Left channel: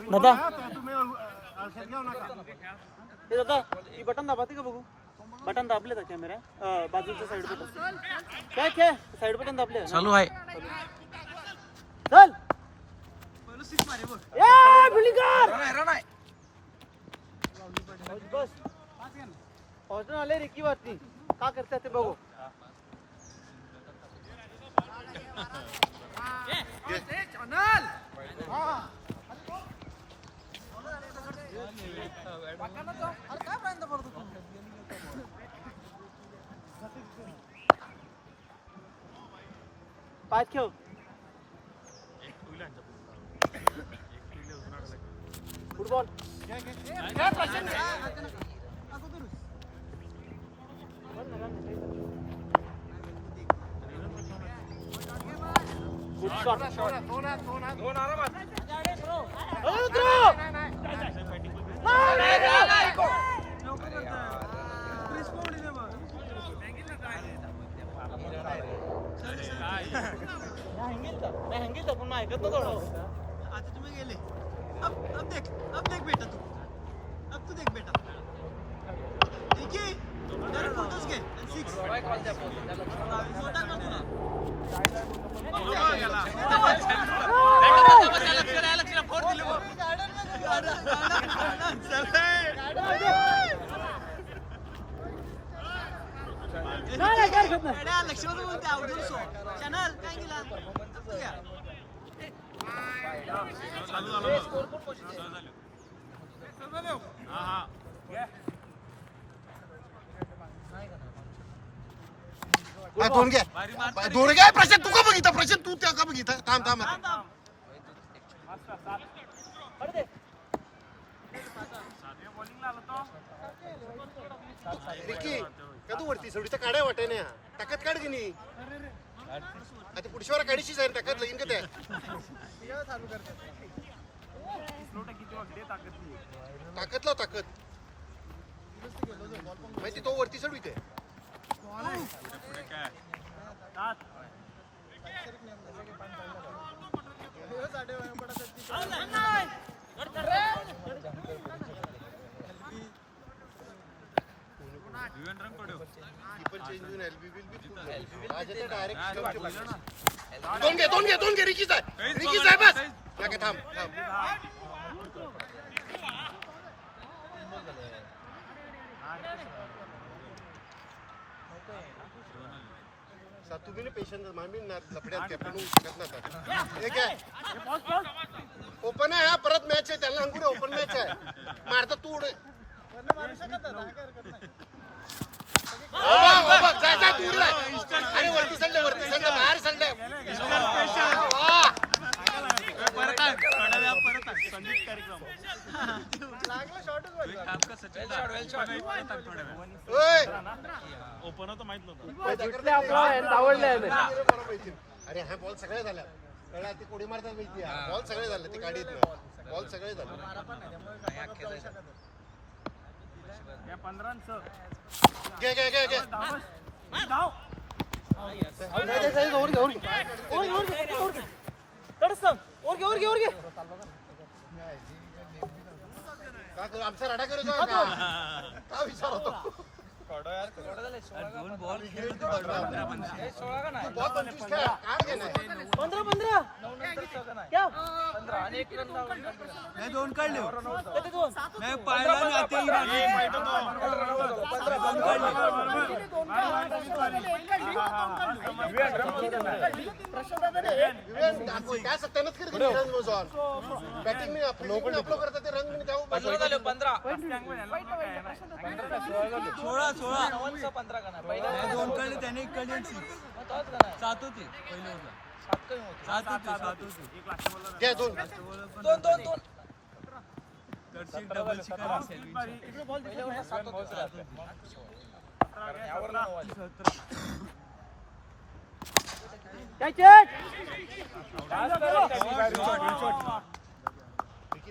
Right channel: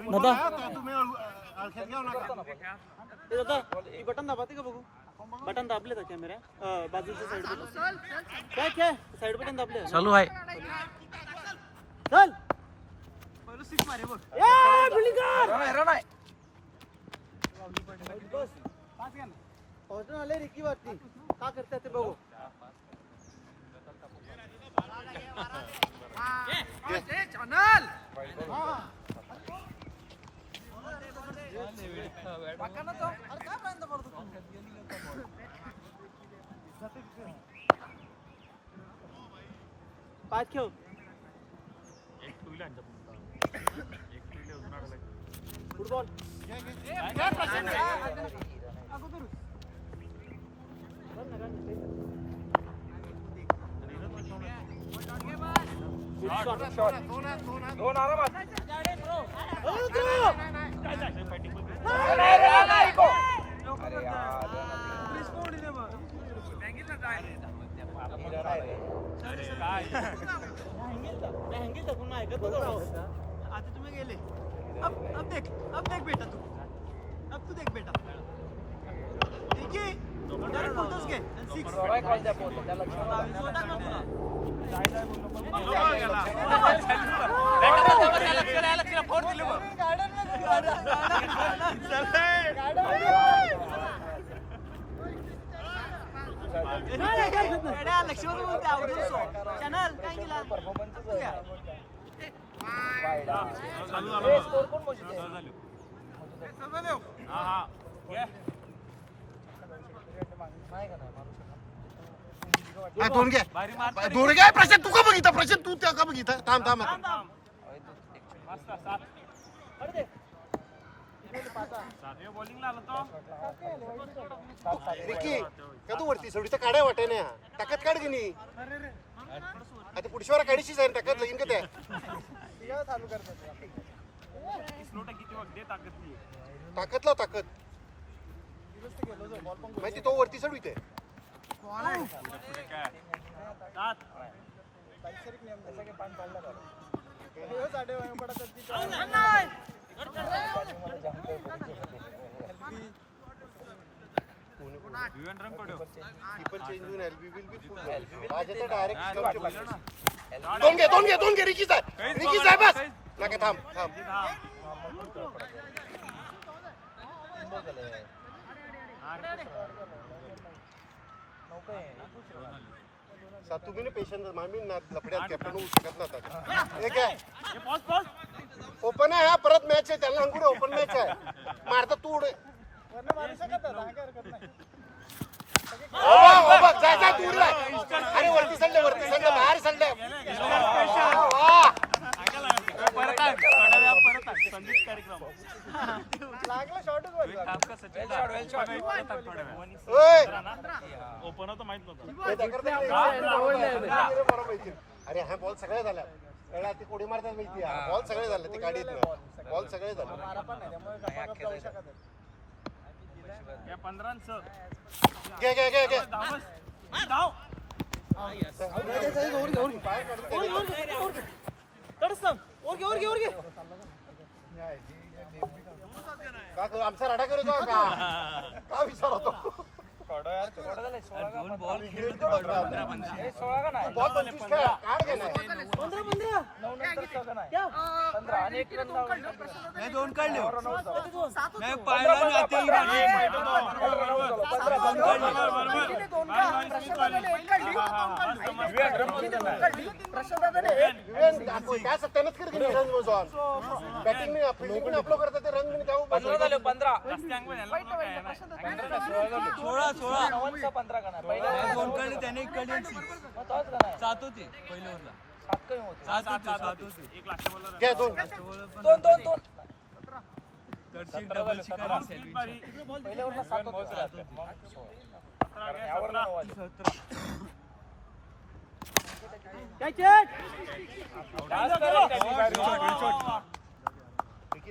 दादा हे दादा ही बटन दाबाते का बघू बटन दाबले का कॅमेरा बाजूच्या साइड काय काय साइड बटन दाबले चालू आहे चल ए बिलिंगर रन आहे बस पहुंचने वाले रिकी वाटती का करते ते बघू चॅनल वाकाना तो पाच खेळ फुटबॉल दोन आरामात पण ऐकत नव्हतं आता तुम्ही गेले अब देख बेटा तू देख बेटा ठीक आहे डायरेक्ट फोटोज घे 6 काय कॉल द्या पोहोच त्याला चॅनल काय केला दोन घे प्रशांत तू का बघितला प्रशांत तू त्या का बघितला थांब विकी का तू वरती सोडी तर काढाय वाटाय ना ताकद काढ की आता पुढशीवारा काढीशी जाईल ताकद लगीन का त्या ताकद लाव ताकद माहिती तो वरती सोड इथे दोन घे रिकी साहेब बस थांब तुम्ही ना पेशंट मामी ना लफड्यात कॅप्टन होऊ शकत ना ओपन आहे हा परत मॅच आहे त्याला अंकुर ओपन मॅच आहे मारता तू जाय तू अरे वरती सल्ले बाहेर सल्ले अरे हा बॉल सगळे झाला ते कोडी मारतात माहिती बॉल सगळे झाले ते गाडीत बॉल सगळे झाले घे आमचा राडा करत का विचार होतो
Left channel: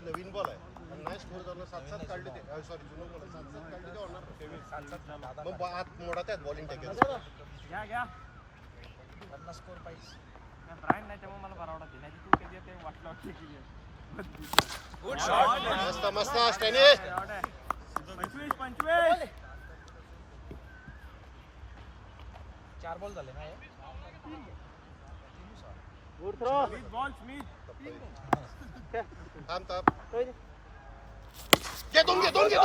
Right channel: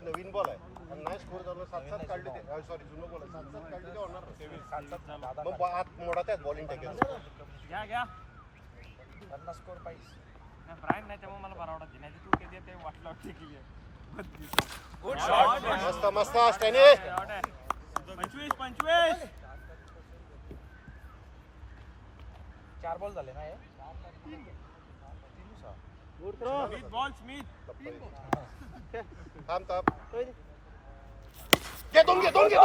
नवीन बॉल आहे मोडा त्यात बॉलिंग मस्त मस्त स्टॅनी. 25. 4 बॉल झाले ना. Good throw. स्मिथ. थांब थांब. घे दोन. घे.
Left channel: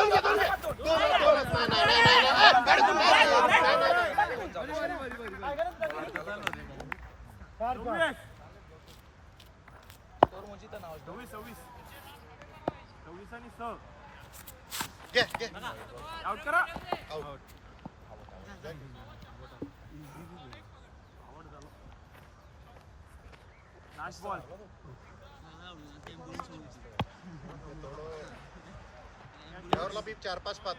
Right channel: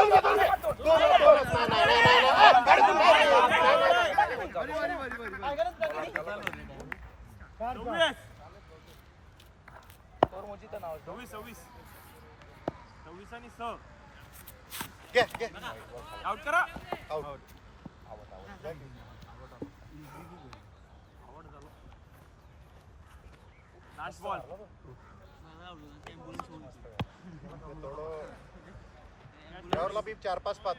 आउट करा. आउट. Last ball. यावरला बी 4-5 पात.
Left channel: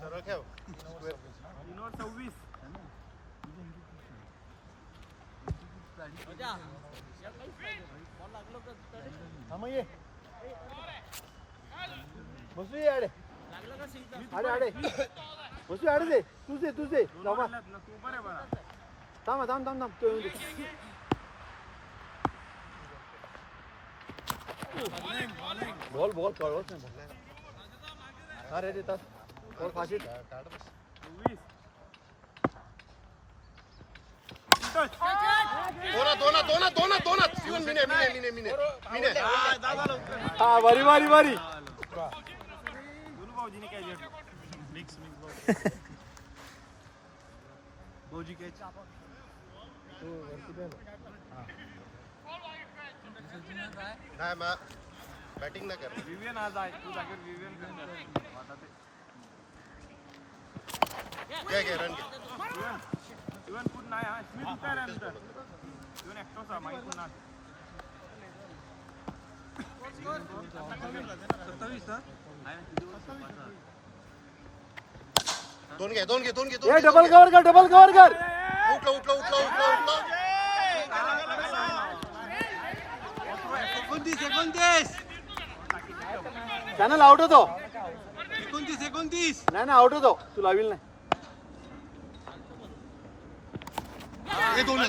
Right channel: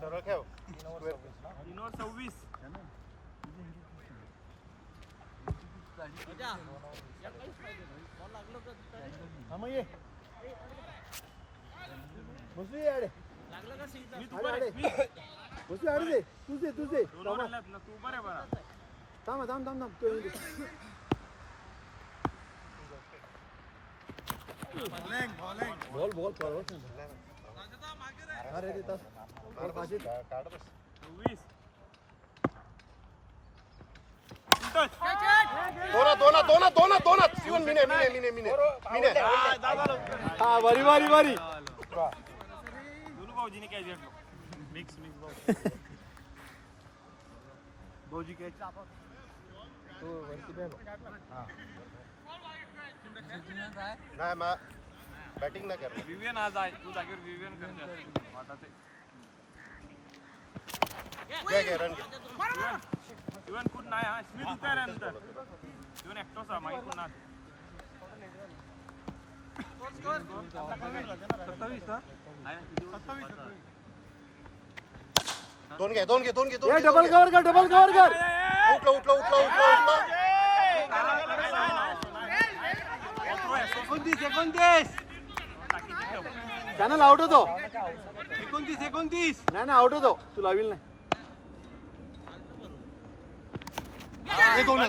सरळ ठेव. दोन. शिवून मिने. बारी. नाही मग बॅटिंग नाही कर. विवियन आज आहे. तू जागेवर विवियन घेऊन ये. घे रन. विवियन पूर्ण आहे हा. स्मिथ उभा आहे नंतर. विवियन ऍक्टर्स आहे माहिती नाही. दोन घे. डबल कव्हर कर. उठलो. 29. चॅनल आउट होतो. 29. नाही आउट होतो. तू लावील नाही. दोन.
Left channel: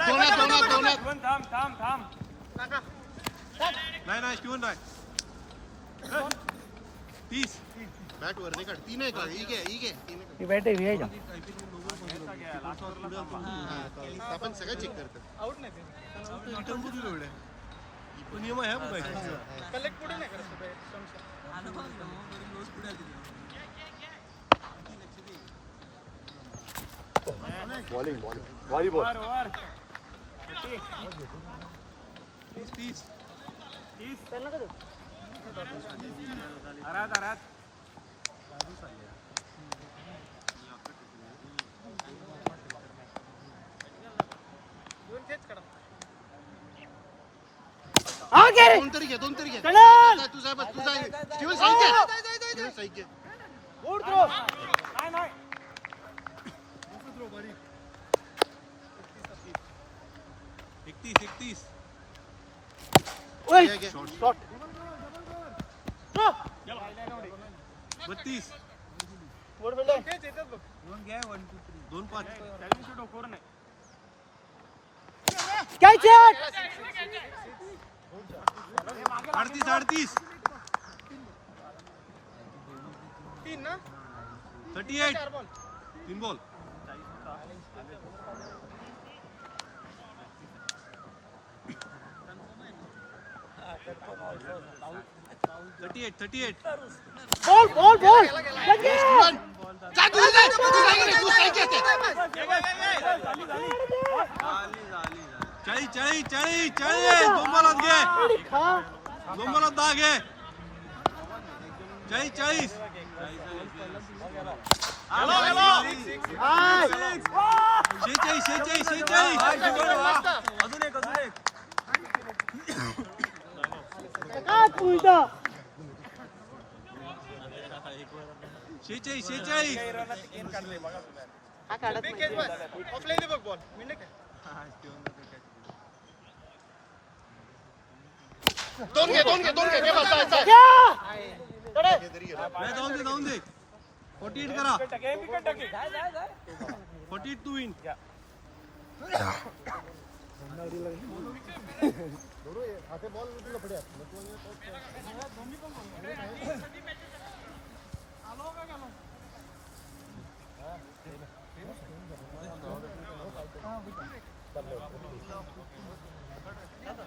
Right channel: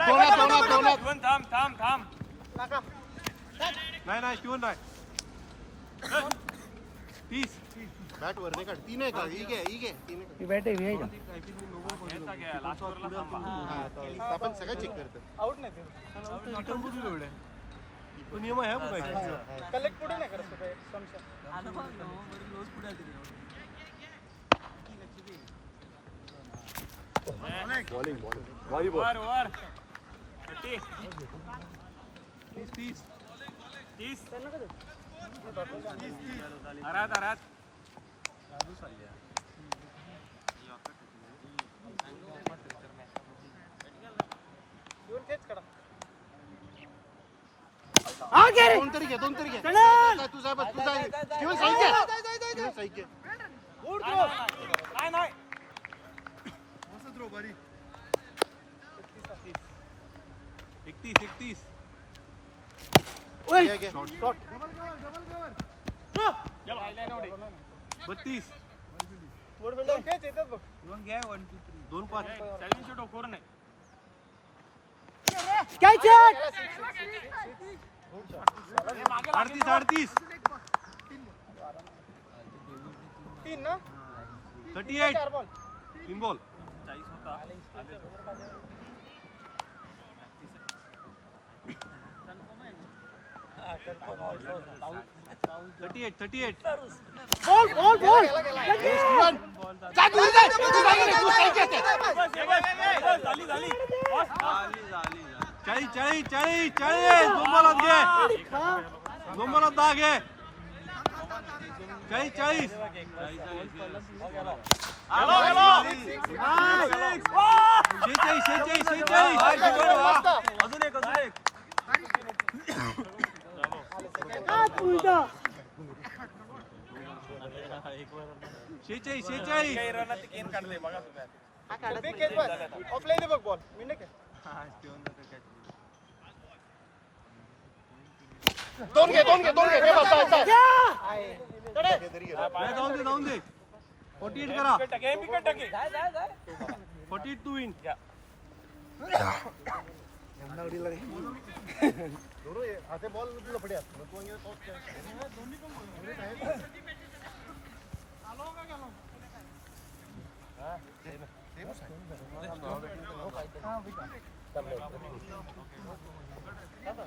थांब. नाही शिवून नाही. 30. बॅट वर नाही काढ. 3 आहे का? ही घे. आपण सगळं चेक करतो. आउट नाही रिटर्न बुद्धी एवढे तो नियम आहे बघायचा. कलेक्ट पुढे नाही करत व्हॉलीबॉल. 30. हरात. दोन तरी घे. तुझा शिवून साईड घे. नाही. मस्त थ्रो बारी. 31. घे. 32. 2-5. 38. 38. 3 बॉल. 38. बॉल. चाळीस. 2 बॉलात घे. 2 बॉलात 10 घे. 40. ऑफलाईन बघ बॉल. दोन घे. जाऊन दे. 48 करा. 48 to win. हाते बॉल लपड्या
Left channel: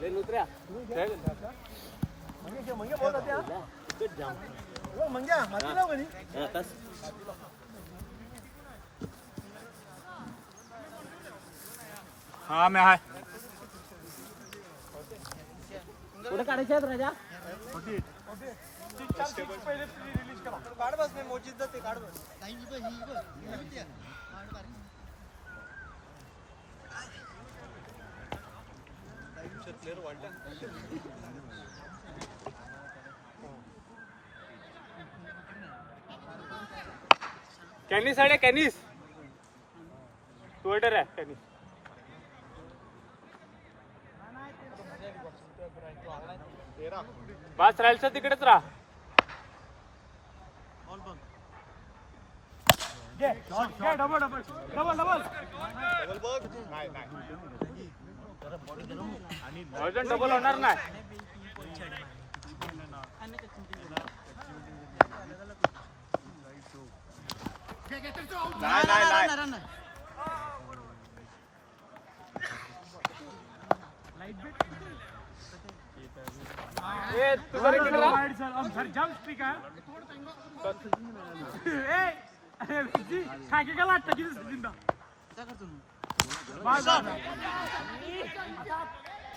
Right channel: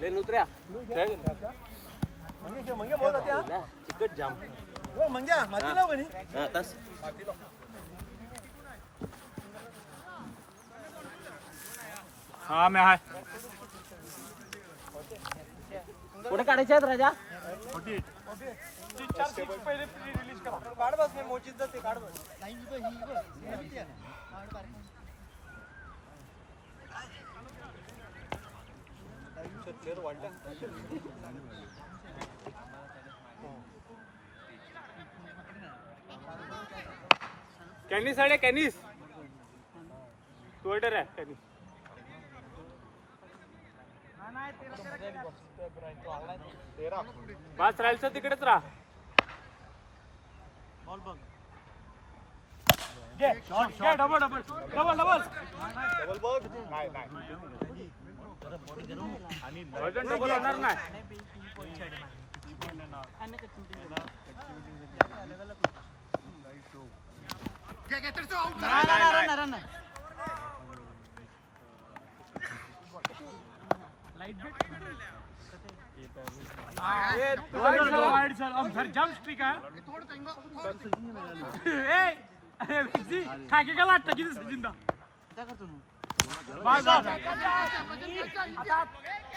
लेन उतऱ्या तिकट जाम हा तस हा मी आहे कुठे काढायचे आहेत राजा काढ बस मी मोचीत ते काढ बस नाही ही बघ ही माहिती आहे कॅनिस आहे कॅनिस टोयटर आहे कॅनिस बस राहायचं तिकडेच राहा डबल होणार नाही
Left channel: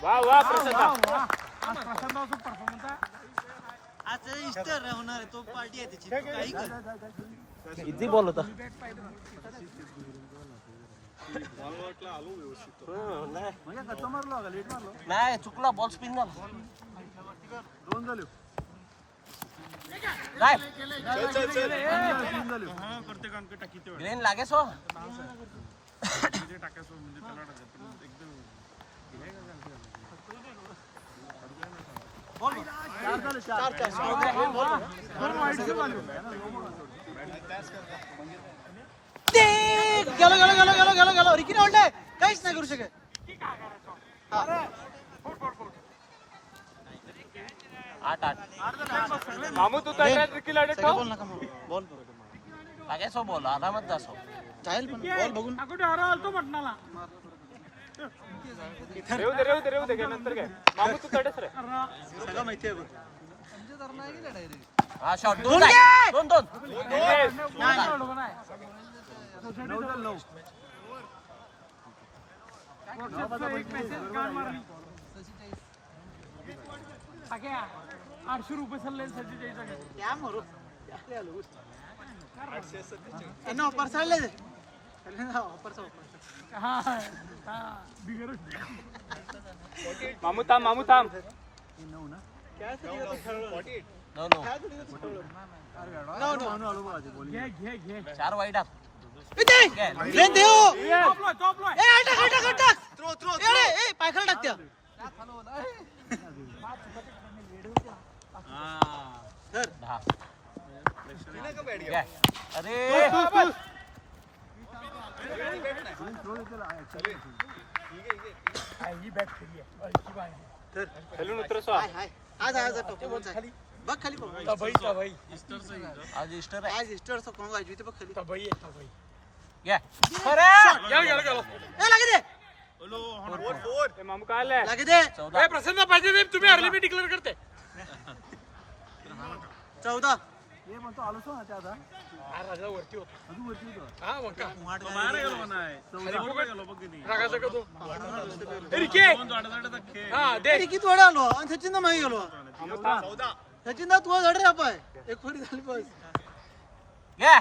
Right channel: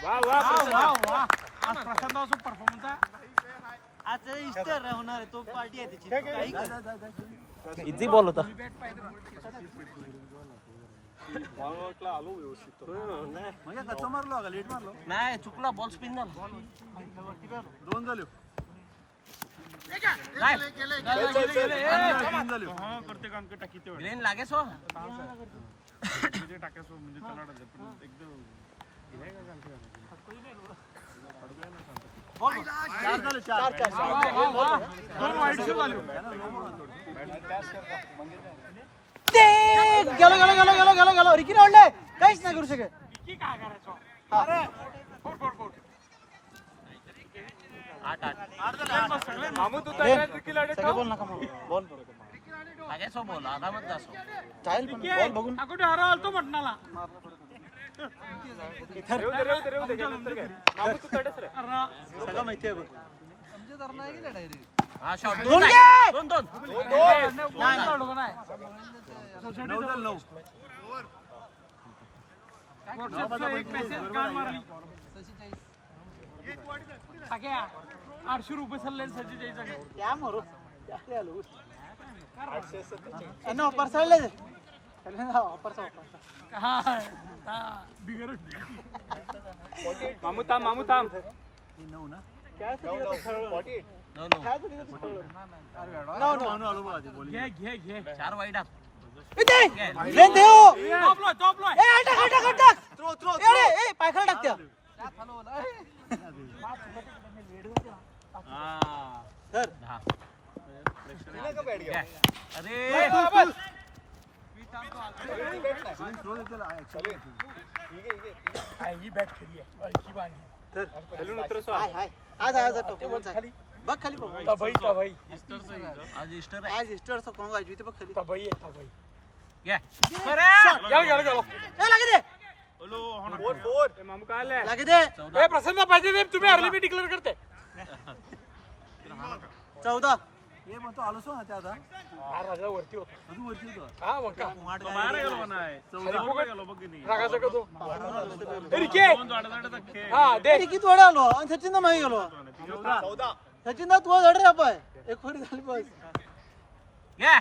वा वा प्रसन्न आज इस्टर होणार तो पार्टी आहे त्याची काही कर इझी बॉल होता नाही चुकला बॉल स्पिन झाला ग्रेन लागे सो गेलो रिकी ओढले काहीच नाही करू शकत आठ मामू तू बोल नका बोल लागे सो बॉल आरामात जा सो चालेल बॉल बघून रेव दे नंतर काय मामू तू तडेच रे सगळं माहिती आहे बघ हा शॉट दोन क्या मरो ऑफर चालले मामू थांब चार वाईट आप पाखर टाकत्या अरे खेळून उतरसो आज परफॉर्मन्स आहे बघ खाली परफॉर्मन्स आज इस्टर आज इस्टरचा कॉंग वाजवी ते बघ खाली घ्या लागे दे मामू काय आलंय लागे दे 14 प्रसन्न पाहिजे तुम्ही अर्ली मी डिक्लेअर करते 14 राजा वरती होता हा मग का खाली फुकट रागाचा का तो हा दे किती थोडे आलो आणि सचिन मागे गेलो सचिन तू धड रे पाय एक फोडी झाली बस घ्या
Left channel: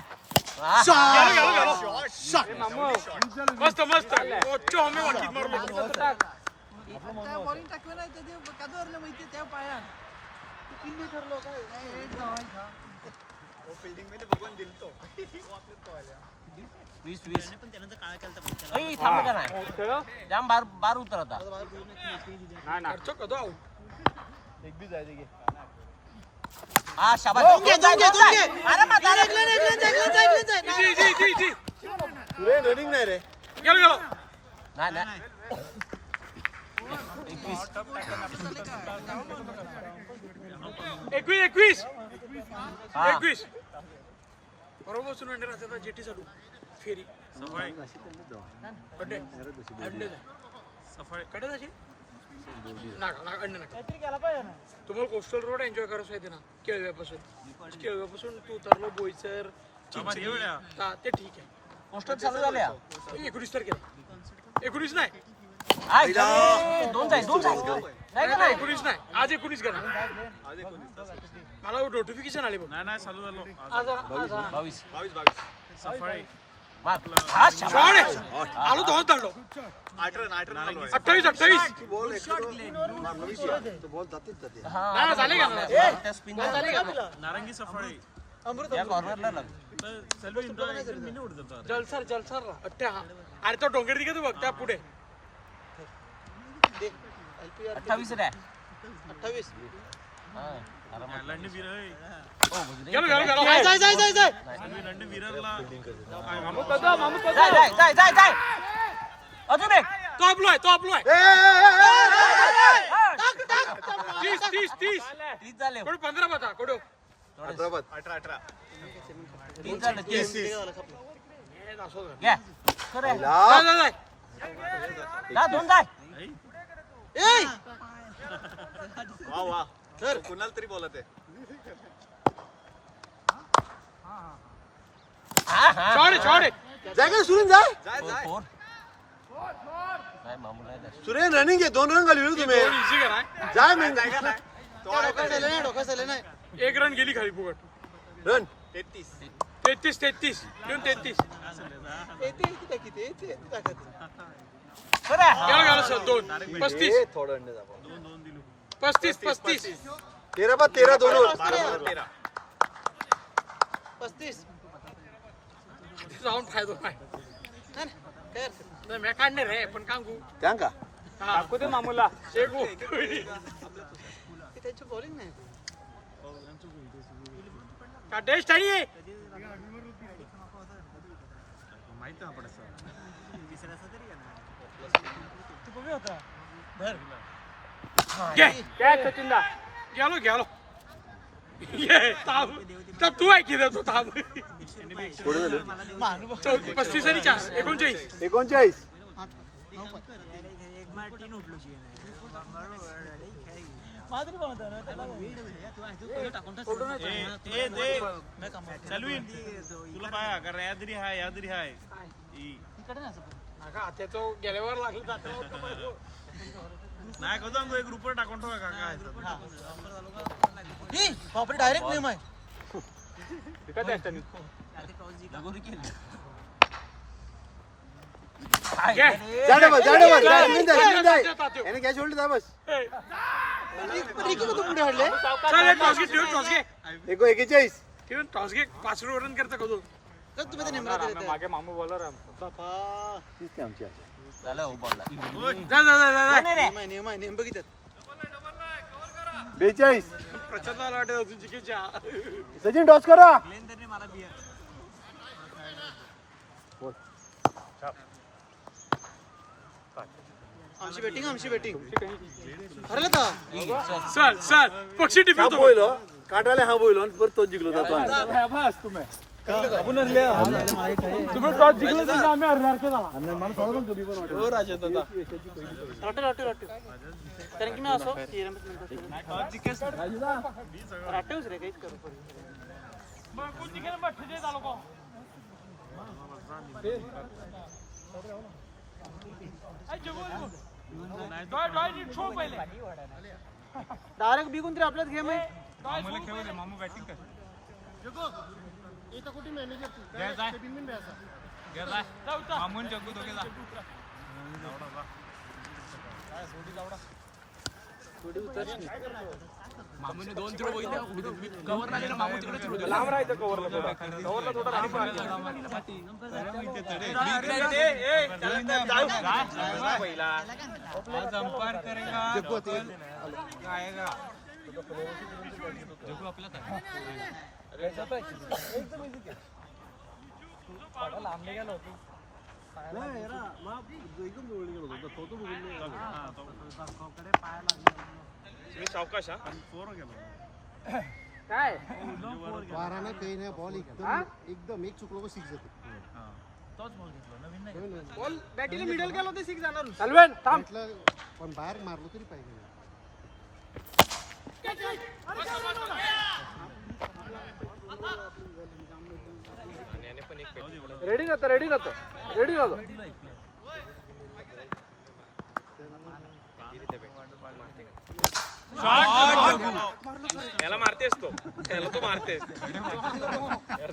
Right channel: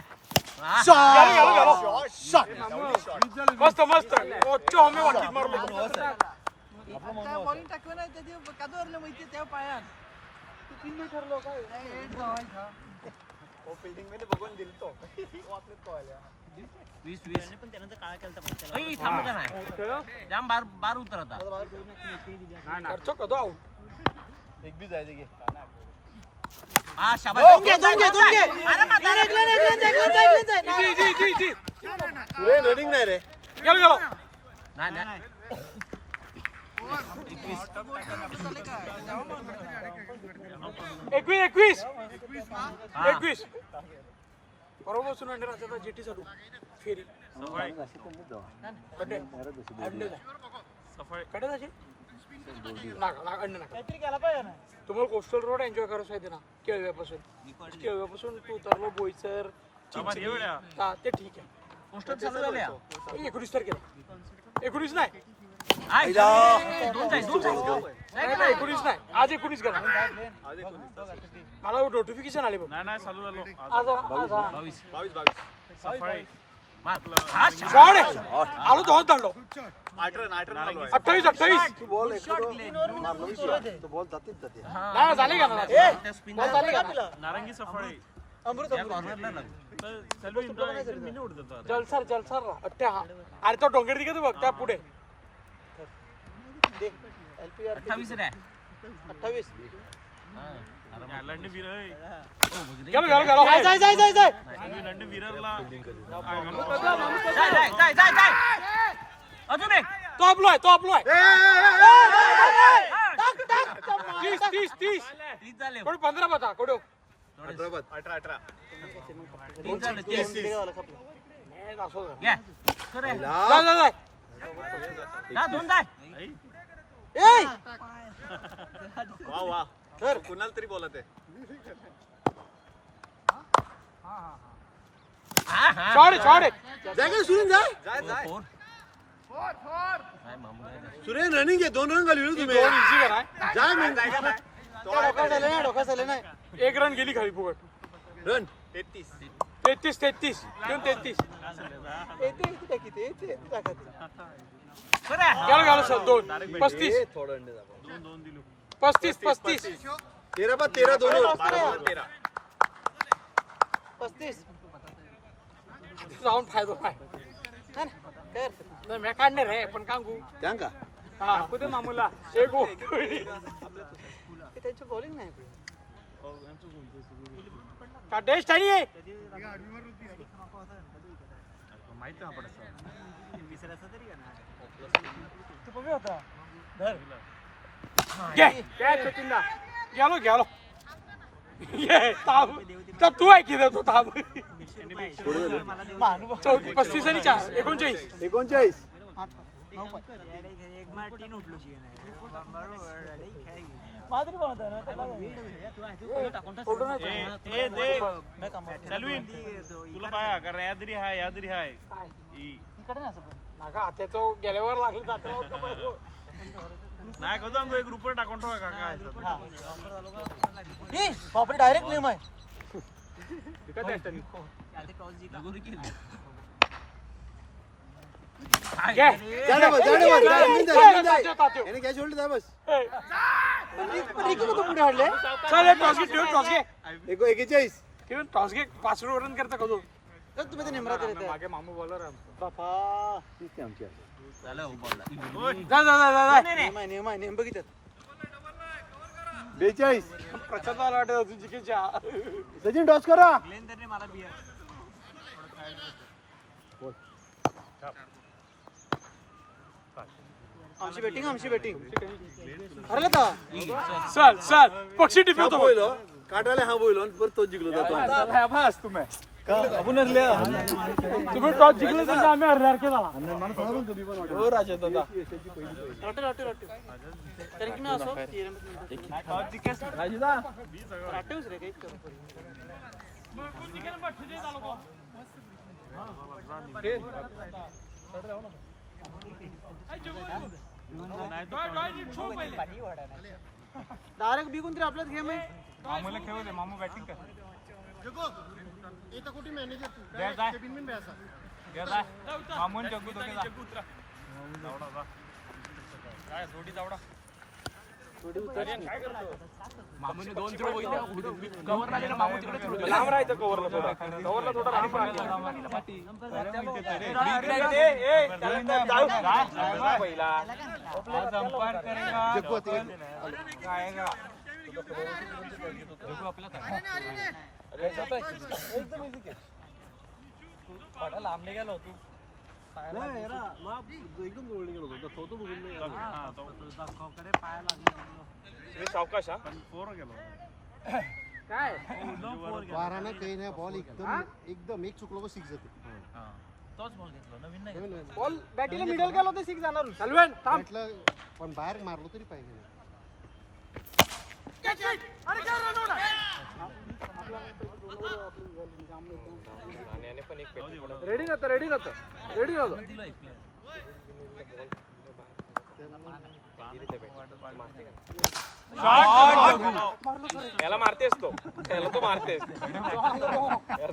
मस्त मस्त ओच्च हमे वाटीत मारलो बॉलिंग टाकलं नाही ते कादवरलं माहिती त्या पाया किल्ली ठरलो काय फील्डिंग मध्ये बघून दिलतो 20 अय थांब का नाही जाम बार उतरता नाही ना खर्च कदो आउट एक भी जायचे घे हा शाबास अरे मत जी रेडिंग नाही रे गेलो नाही 21 हा 21 बरोबर बसून अंडे राहतात जेटी चालू फेरी कडे अंडे कडे जायचे नाका अंडे नाका तुम्हाला कोस्टल रोड एन्जॉय करायचं आहे ना केळव्यापासून तू उतरलो बोईसर चिंचणी ते ठीक आहे पोस्टर चालू झाल्या 19 तारखेला 19 नाही दोन जाय नाही का नाही 19 नाही आज 19 करा मला नोटिफिकेशन आले बघ आज 22 मार शॉट आहे आलो दोन तांडव 28 तू बॉल एखादं मारलं विषय तो बॉल जातीच जाते ना झाले का त्या स्पिन झाले का या कॉर्नरला लाग जलसर अट्ट्या अरे तो डोंगर दिघे तू बघ त्या पुढे 28 रे 28 हा गेलो जाय अजून एक तो आपलोय 30 तीस झाले कोण 15 बता कोडो 18 तीस झाले 30 असो घ्या खरे जा जा दोन जाय वा कुणाला तरी बोलत आहे शॉट जागा सुरेन जा फोर नाही मामू नाही सुरेन रनिंग आहे 2 रन घालवले तुम्ही इझी करा जा मी जागा नाही तो आहे डोका चालले नाही 1 रन गेली खाली फुकट रन 33 घेऊन 33 येते किती खरे गेलो सर 2 35 थोडं अंडे दाबा 35 13 2 13 35 जाऊन फायदा नाही नाही मी काढणार रे पण कांगू त्यांका हा कुठे मामूला शेगू त्यांची बॉलिंग नाही का टेस्ट आणि आहे गेलो ताब तू आहे की तो ताब 35 आणि 4 39 गेल्यावर लागली बापरे डायरेक्ट नेम आहे लगोरी केली याने कॅच होल्ड जा बस पुढे हाडले टॉस घे 41 टॉस घे 5 रन करता का तू तुम्ही नेमरा करत मागे मामू बॉलर बापा आमची झालं हो बॉलला जा नेम आहे नेम बघितलं 42 प्रचंडाला वाटत जिकीच्या सचिन टॉस करा आमची बॅटिंग हरलं का चल पक्षी टिपवतो काटाले हा बोल परत तो जिंकलो तुम्ही टॉस जिंकले तर आम्ही हरणार केला मला थोडा पण कमी पण वाटेल हो राजा दादा राठव कारण की मी असो राठवच रे काहीच करू डायरेक्ट बिकून तरी आपल्याच गेम आहे जगो इथं कुठे मॅनेजर तू काय केबिन बिन बॅसा मामूने 2 थ्रो बघितले कव्हर लागेल मामू तिकडे थ्रो राहायचं कव्हरला थोडा आणि पहिला आज अंपायर करेगा जग्गू आएगा जग्गू आपला काय सावकाश हा काय बारानं काही नाही बॉल एकदम एक चुकलो सिक्स जाते बॉल बॅटीला मिडल गेला तर सिक्स जाणार म्हटलं पण बाहेर मारलं तरी पाहिजे रेडी राहतो याला मारतेस त्याला तो मारतेस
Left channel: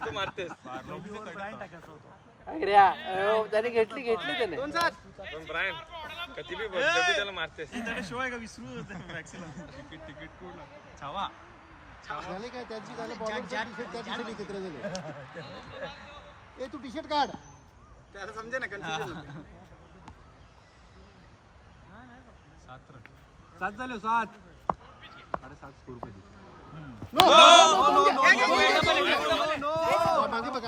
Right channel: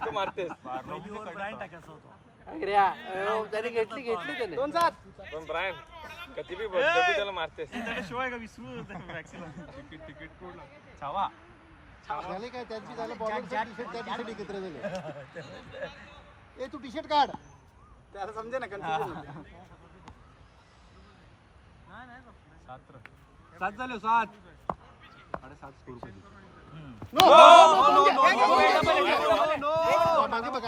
तो मारतेस त्याने घेतली त्याने पण ब्रायन कधी बी बघ त्याला मारतेस शिवाय का विसरू छावा झाले काय त्यांची झालं बॉलिंग त्या दिवशी एकत्र झाले ए तू टी शर्ट काढ त्याला समजे ना कन्फ्युजन सात झाले सात मागे बघ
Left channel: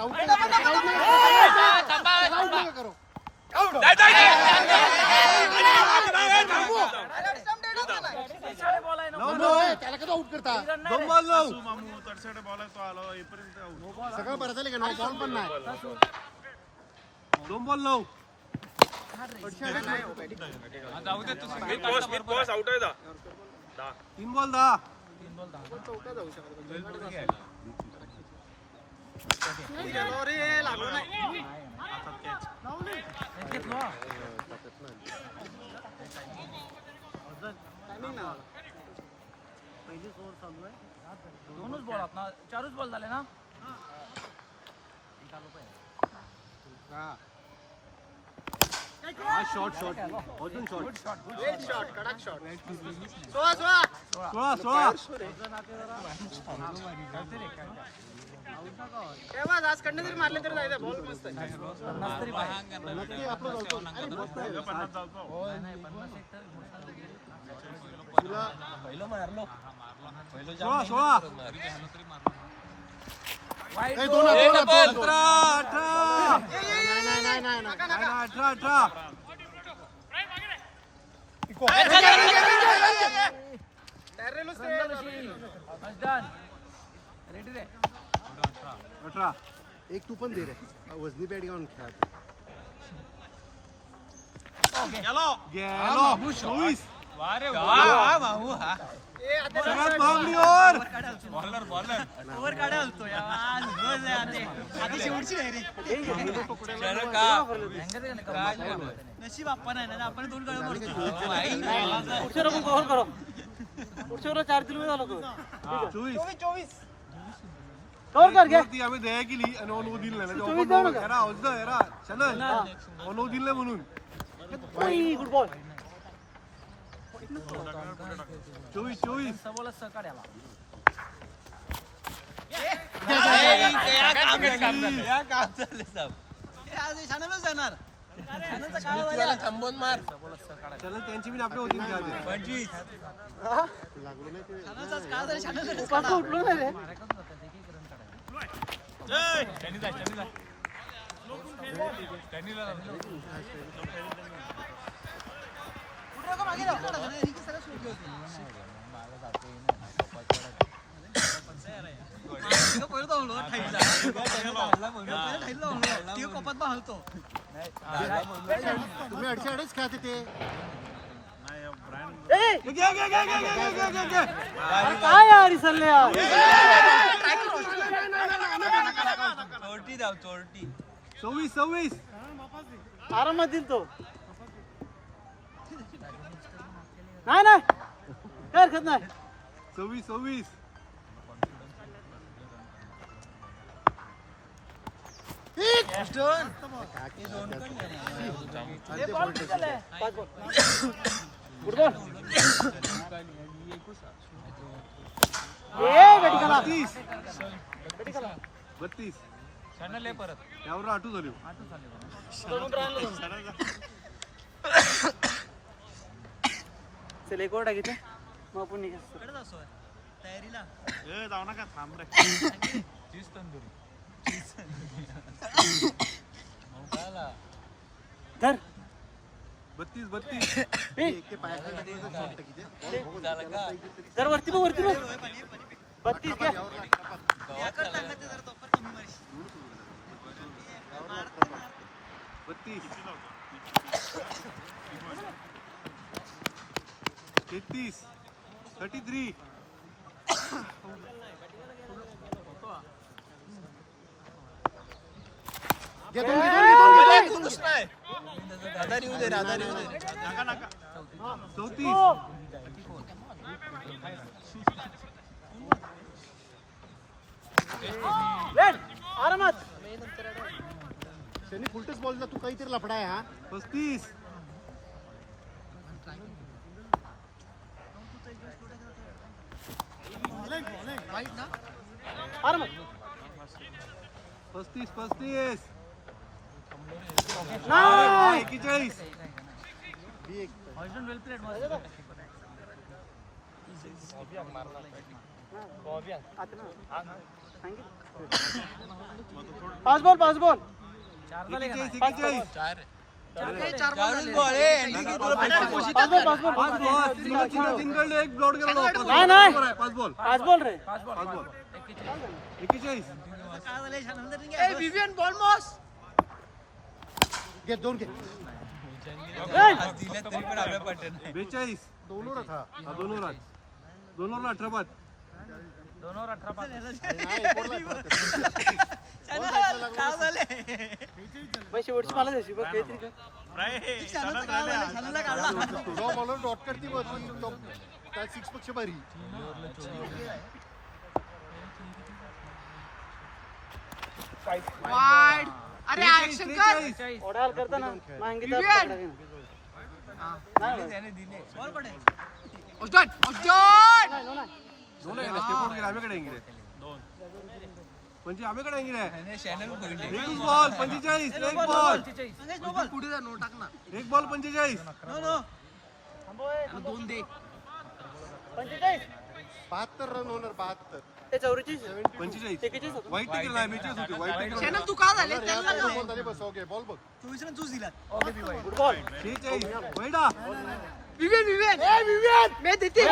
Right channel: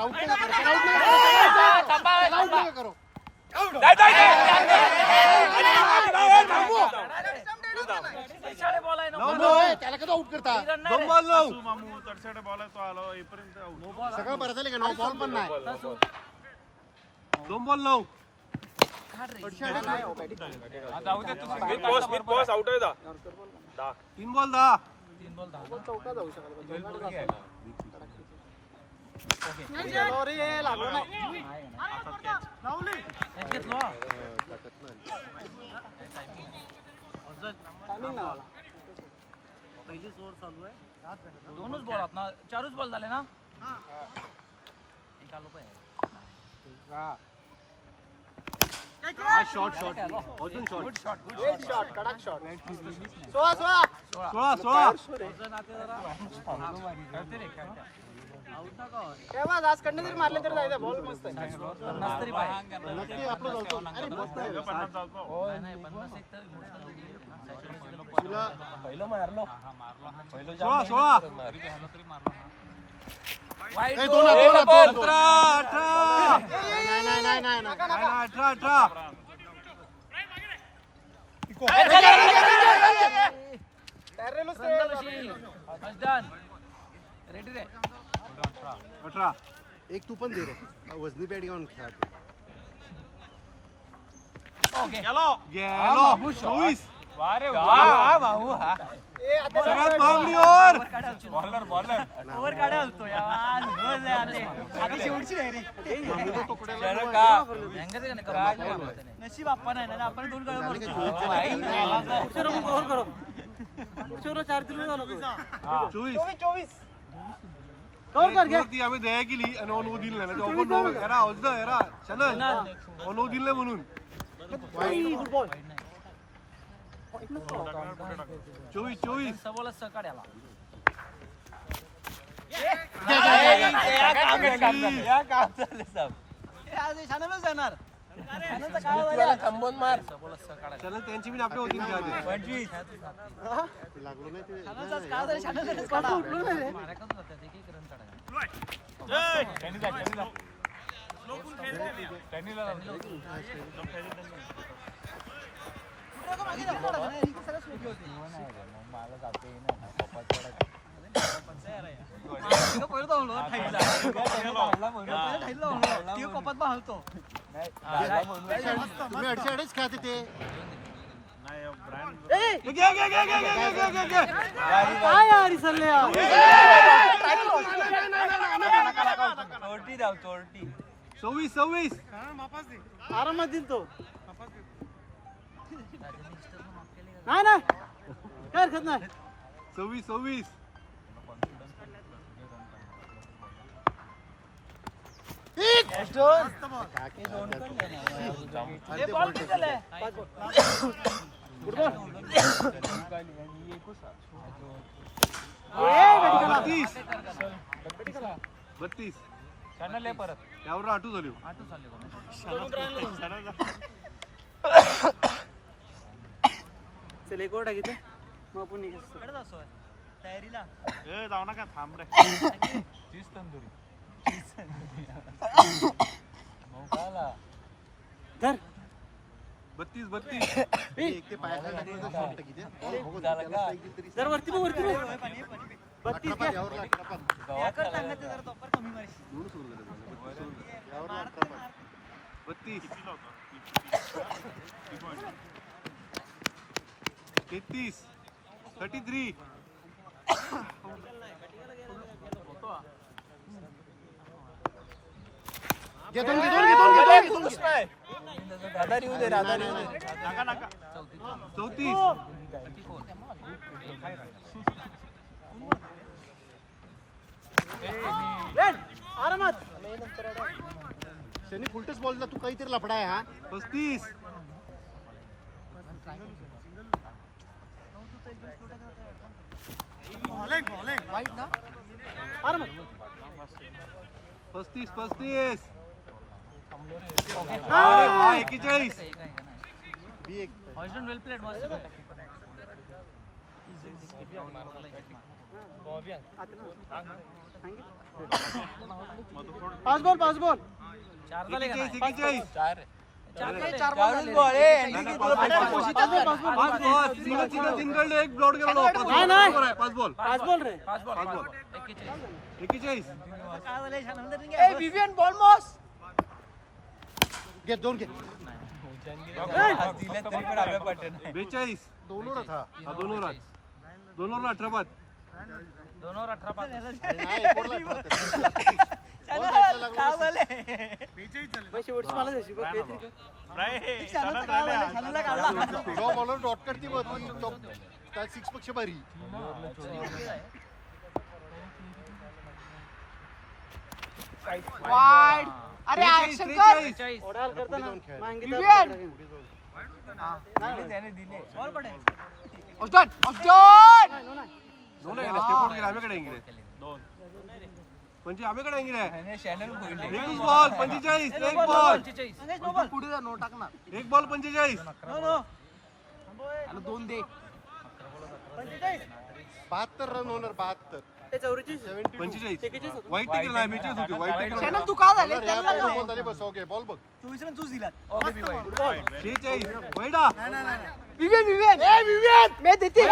त्याला कसा आउट करता सगळं बरं झालं का बॉल पण नाही दोन बॉल लाव मिड पॉस आउट आहे दा तीन बॉल दा चौका जाऊ शकत लागलो नाही टायमिंग नाही आला दोनच बॉल आपला चारच बॉल झाले ना शॉट कडक शॉट 16 आज कडनं जरी मारले तरी जायचं बॉल मस्त आहे पहिलं मारलो एक तू पण दे रे वजनी बॅट घेऊन खेळ ओव्हर काढा होतो शेवटची नाही रे नशीब आपण आहे ना आपण दोन काढा मारतो 24 आम्ही दया केली आणि ओनव दिली ओनव दिलं म्हणून 24 थांबवून मार त्यांची बी आपली होती अडीच खेळते ते चोरटी 26 आरामात दिल तो नाही काय हरकत नाही 26 32 परत त्यावर आठू झाली चल एक ओढा घेते मग आपण तयारीला जाऊ नका थांब रे 30 तंदुरी धर जर वरती बघ 32 घ्या. याकडे सांगायचं जरा तोपर कमी मारशी. आधार येऊ दे आधार येऊ दे. आरामात. त्यांनी फुलटच बॉलला तू काहीतरी लफडा आहे हा. 35. आरामात. 35. नाही. 41. पाच बॉल 41. सिंगल एक ब्लॉड गेला. नाही. 5 बॉल. 5 बॉल रे. 41. काय झालंय छान नंतर नाही घ्यायचं. विवियन बॉलमॉस घे 2 घे. 42. दोन ओव्हर था. 2 ओव्हर. 2 ओव्हर 18 बाद. काय झालंय? शेवटची मला द्यायची बघ काहीतरी कर. छानचं काय झालंय? छानला काढला. जेव्हा बॉलर डॉट करते बघ ती तो त्या 6 पेक्षा भारी. वाईड. अरे ऍक्शन कर. ओढाल करताना मांगीचा विवियन. पकडा घेऊन. बॉल पडेल. ऑस्टन दोन आहे आम्हीकडे येंगे म्हणजे आम्हीकडे येंगे एक बॉल 45. एक बॉल संदेश नो बॉल. पुढे जा नो टाक ना. एक बॉल 45. No no. त्याला 2 दे. 45. 72 रन होणार 72. ते 44. 45. 41 होतं. वाईट टिकल नाही मॅचेस होती वाईट टिकल. चॅनल तू का झाले त्याला का त्याला बसव घे बॉल बघ. 24 रन तूच दिलात. 46. वैडा विवियन मैं देते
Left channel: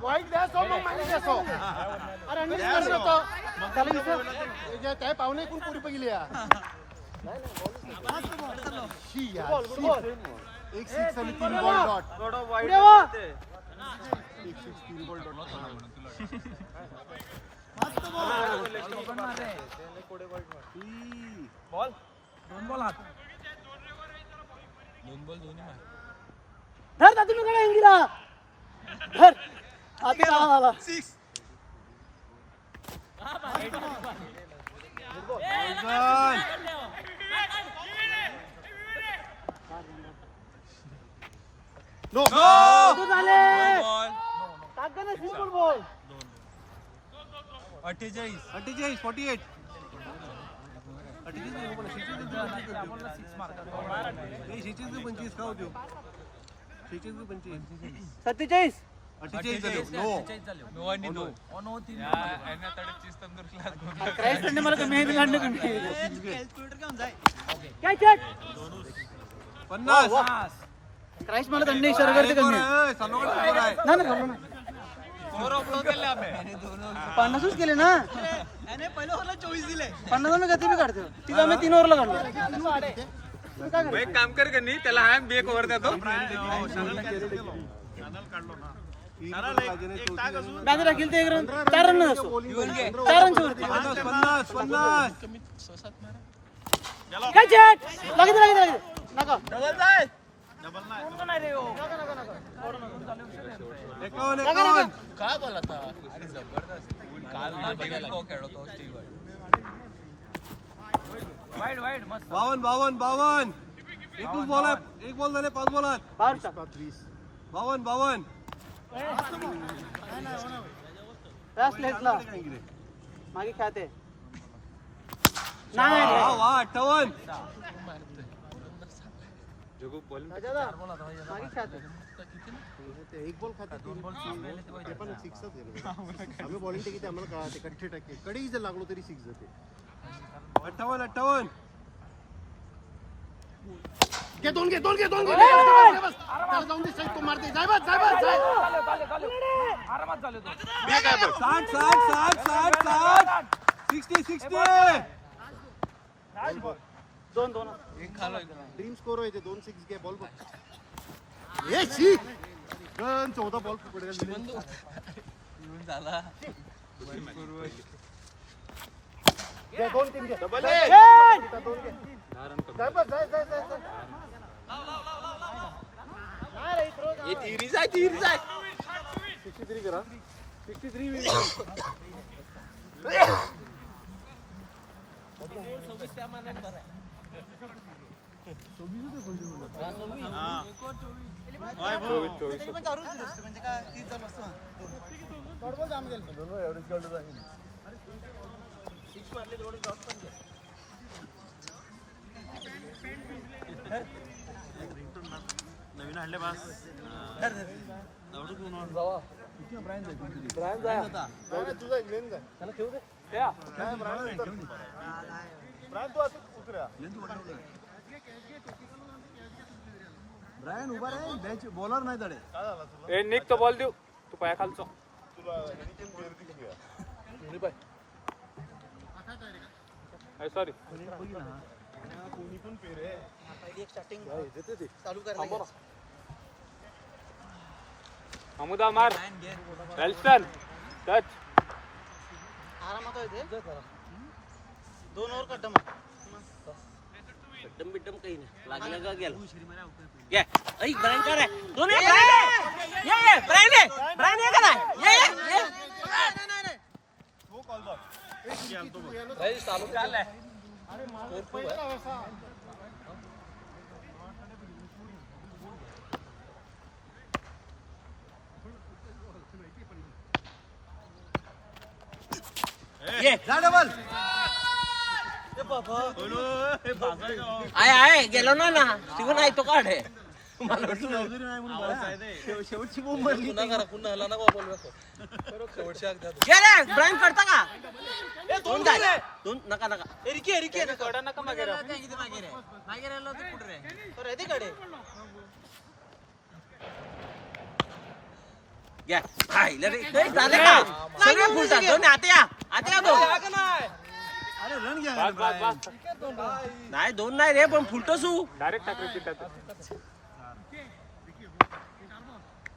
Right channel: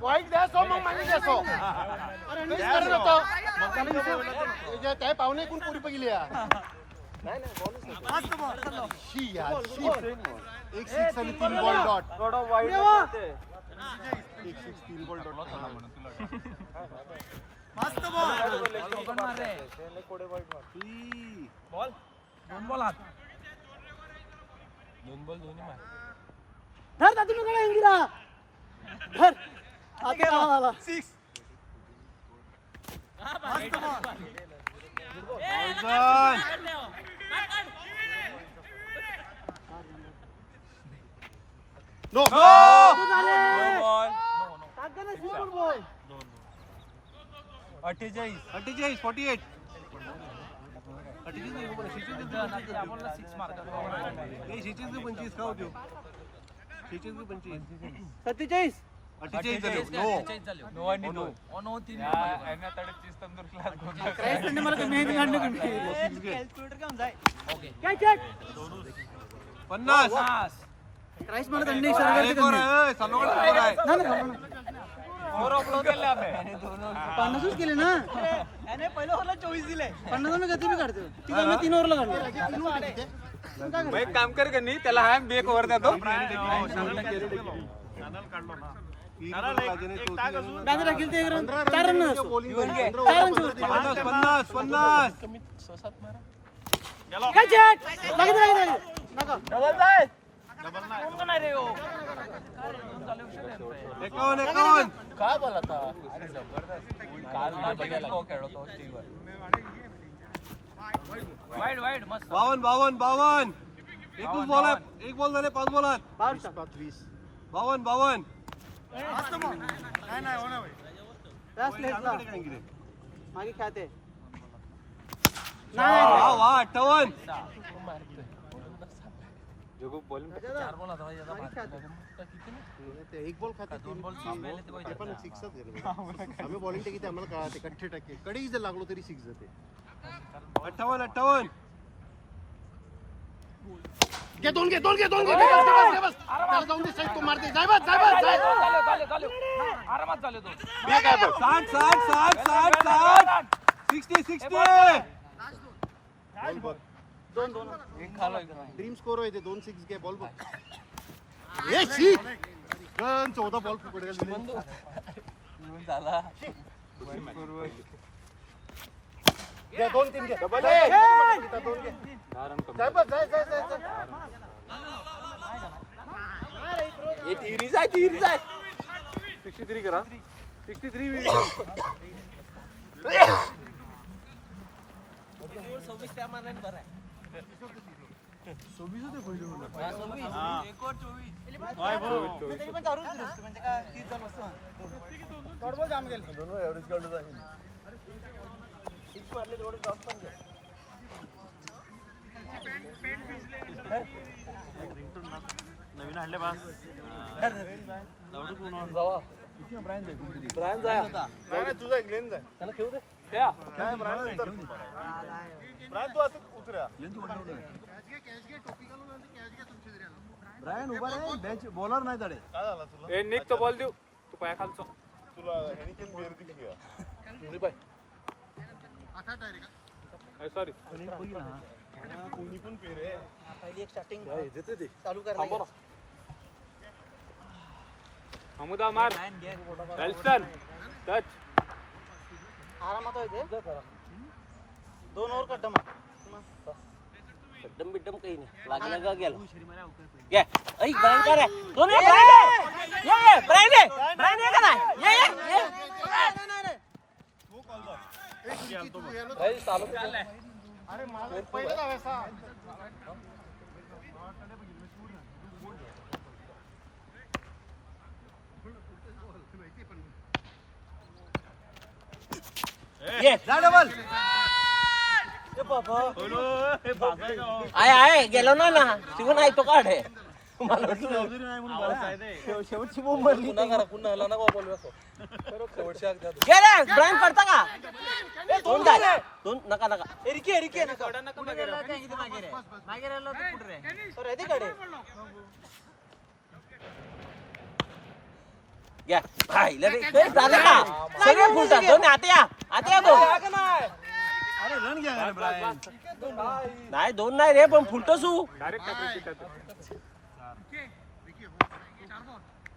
वाईट द्या सो काय पाहुणे कोण पुढे बघितली एक 6 आणि 3 बॉल डॉट. एक 6 3 बॉल डॉट. धर ना तुम्ही कडे इंगिला. धर. हाती काढा मला. 6. नो ताकदीने सिंगल बॉल. 48. 48. नाही 25 का होते 25. 47. 48 नो. क्राइस्ट ने मला कमी आहे लढणे कमी. कॅल्क्युलेटर काम जाय. काय चेक. 50. क्राइस्ट मला दंड इशारा करते कमी आहे. ना ना 50च केले ना. याने पहिलं ओव्हरला 24 दिले. 50 मी गती बी काढतो. तिला मी 3 ओव्हरला काढतो. एक काम कर कनी त्याला हा एक ओव्हर देतो. बॅनर राखील ते 1 रन 4 रन असतो. 4 रनची वरती. 50. काय चेक. लागेल नका. एकावन्न. काय बोला आता 52. एकच बॉल आहे. एक बॉल झाले 5 बॉलात. 52. लास्ट लेटला मागे खेळते. वाह, नाही वाह, 58. मागे खेळते. एक बॉल खाते 3 बॉल ते पण 6च आहे. आम्ही बॉलिंग किती आम्हाला कळते 80%. कडेही जर लागलो तरी 6 जाते. 58. घे दोन घे दोन घे दोन घे बस, बस. त्याला जाऊन दे, साईड तो मारते. जाय बस, जाय बस, जाय. मी काय बघ 60. ड्रीम स्कोर व्हायचे 2-6 घे बॉल बघ. ए शी गन 14 बॉल पकडले. झाला घे 2-3 घे. डबल जाय बस, जाय, जाय, जाय, जाय. थिरीज आहे 63 करा 63 26 त्या मानाने बरं आहे नवीन आणले बस नाही, तुझा इंग्लंड आहे. काय ब्रायन नंतर. ब्रायन तू आता उतरा. बॉलर नाही तडे ए निक तो बॉल देऊ तू पाया खालचा सॉरी अमुदा मार नेल्सन टच आरामात आहे ते 2 ओव्हर कट्टा बिड्डम बिड्डम काही नाही लागलं का गेलं ये ऐ ब्रायन कर रे दोन ये ब्रायन ब्रायन ये का नाही ये हो कॉल बॉल. ए शिर्की, तू यायला तर. अरे मला पहिलं धावायचा. ये आहे गेलो ना तिकडून आहे तो काढ आहे मला वाटलं शेवटची बोंब मारली गेले ब्रायन करता का दोन जाय दोन नका नका घ्या रे ते झाले का सगळे फुलतात दोन आता या दोन नाही दोन नाही रे पण फुलतोसू डायरेक्ट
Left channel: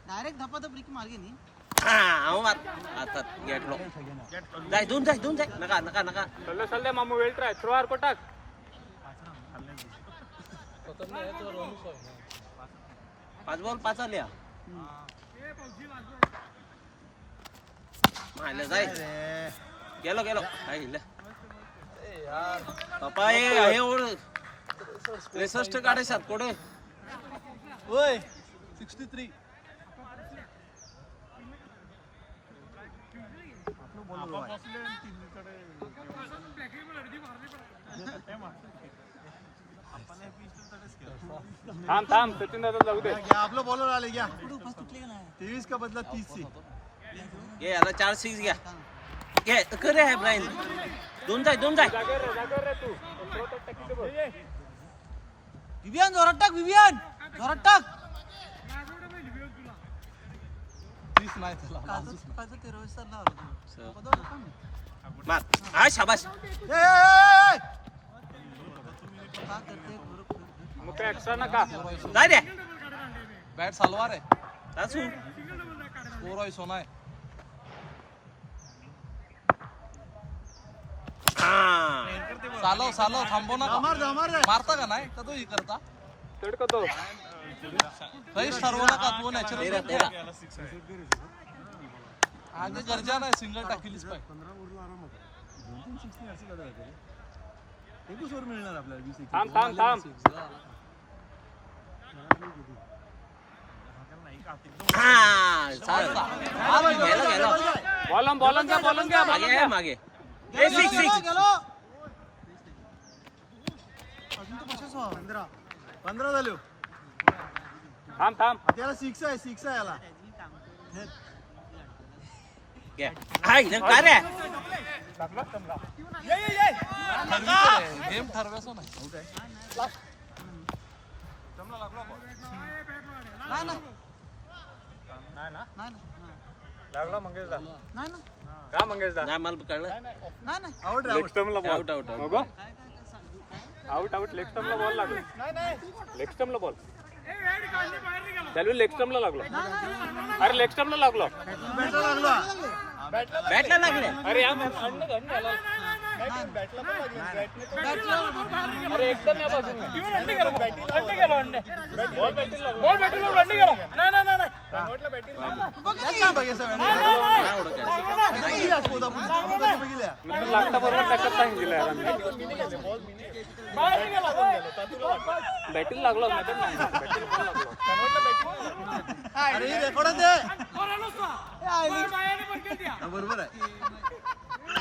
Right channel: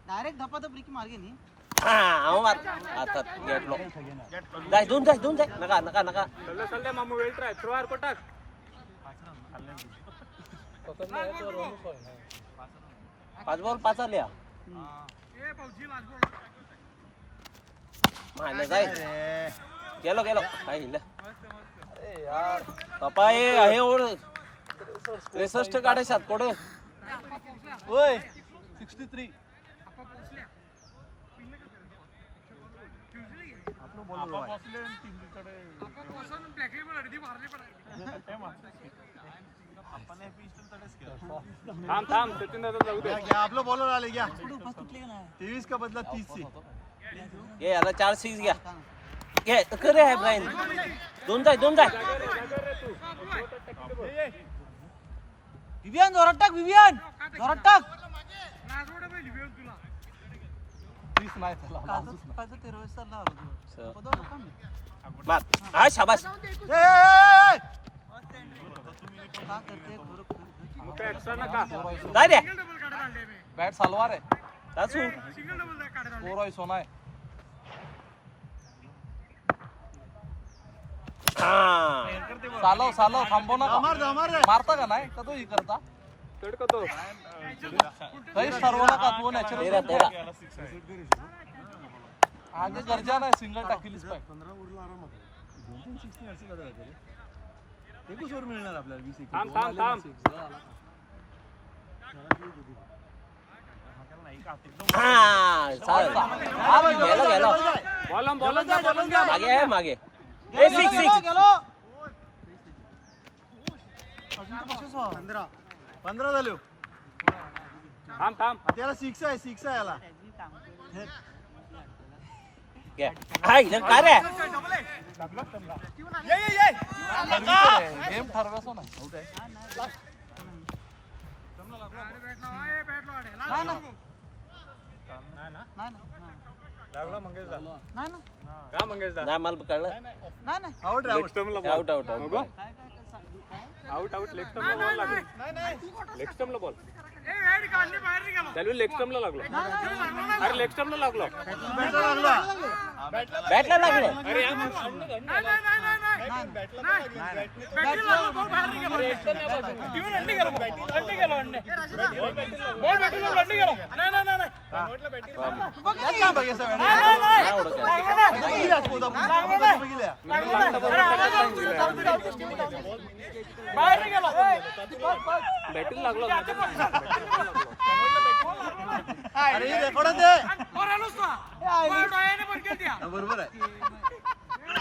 डायरेक्ट धपाधप रिकी मार गेली हा आता घेतलो जाय दोन जाय नका चल दे मामू वेल ट्राय थ्रो आर कोटक 5 बॉल 5 आल्या मारलं जाय गेलो काय हिल पप्पा आहे और 63 काढे 7 कोडे ओय 63 थांब सचिन दादा जाऊ दे आपलं बॉलर आले घ्या 23 का बदला 30 से ये आता 4-6 घ्या घे करे आहे ब्रायन दोन जाय विवियन जोरात टाक विवियन जोरात टाक 30 नाही मार हा शाबास मुके एक्स्ट्रा नका जाय दे बॅट सालवार आहे सासू रोय सोना आहे हा सालव थांबव नका मारता का नाही का तो ही करता तडका तो काहीच ठरवू नका तू नॅचरल 13 आगे गरजा नाही सिंगल टाकलीच पाहिजे थांब हा चाल गेलो बॉलम घ्या मागे ए 6 15 झाले थांब त्याला 6 आहे याला घे हाय काय रे गेम ठरवायचं ना नाही मला कळलं आउट आउट आउट बॅटला लागलं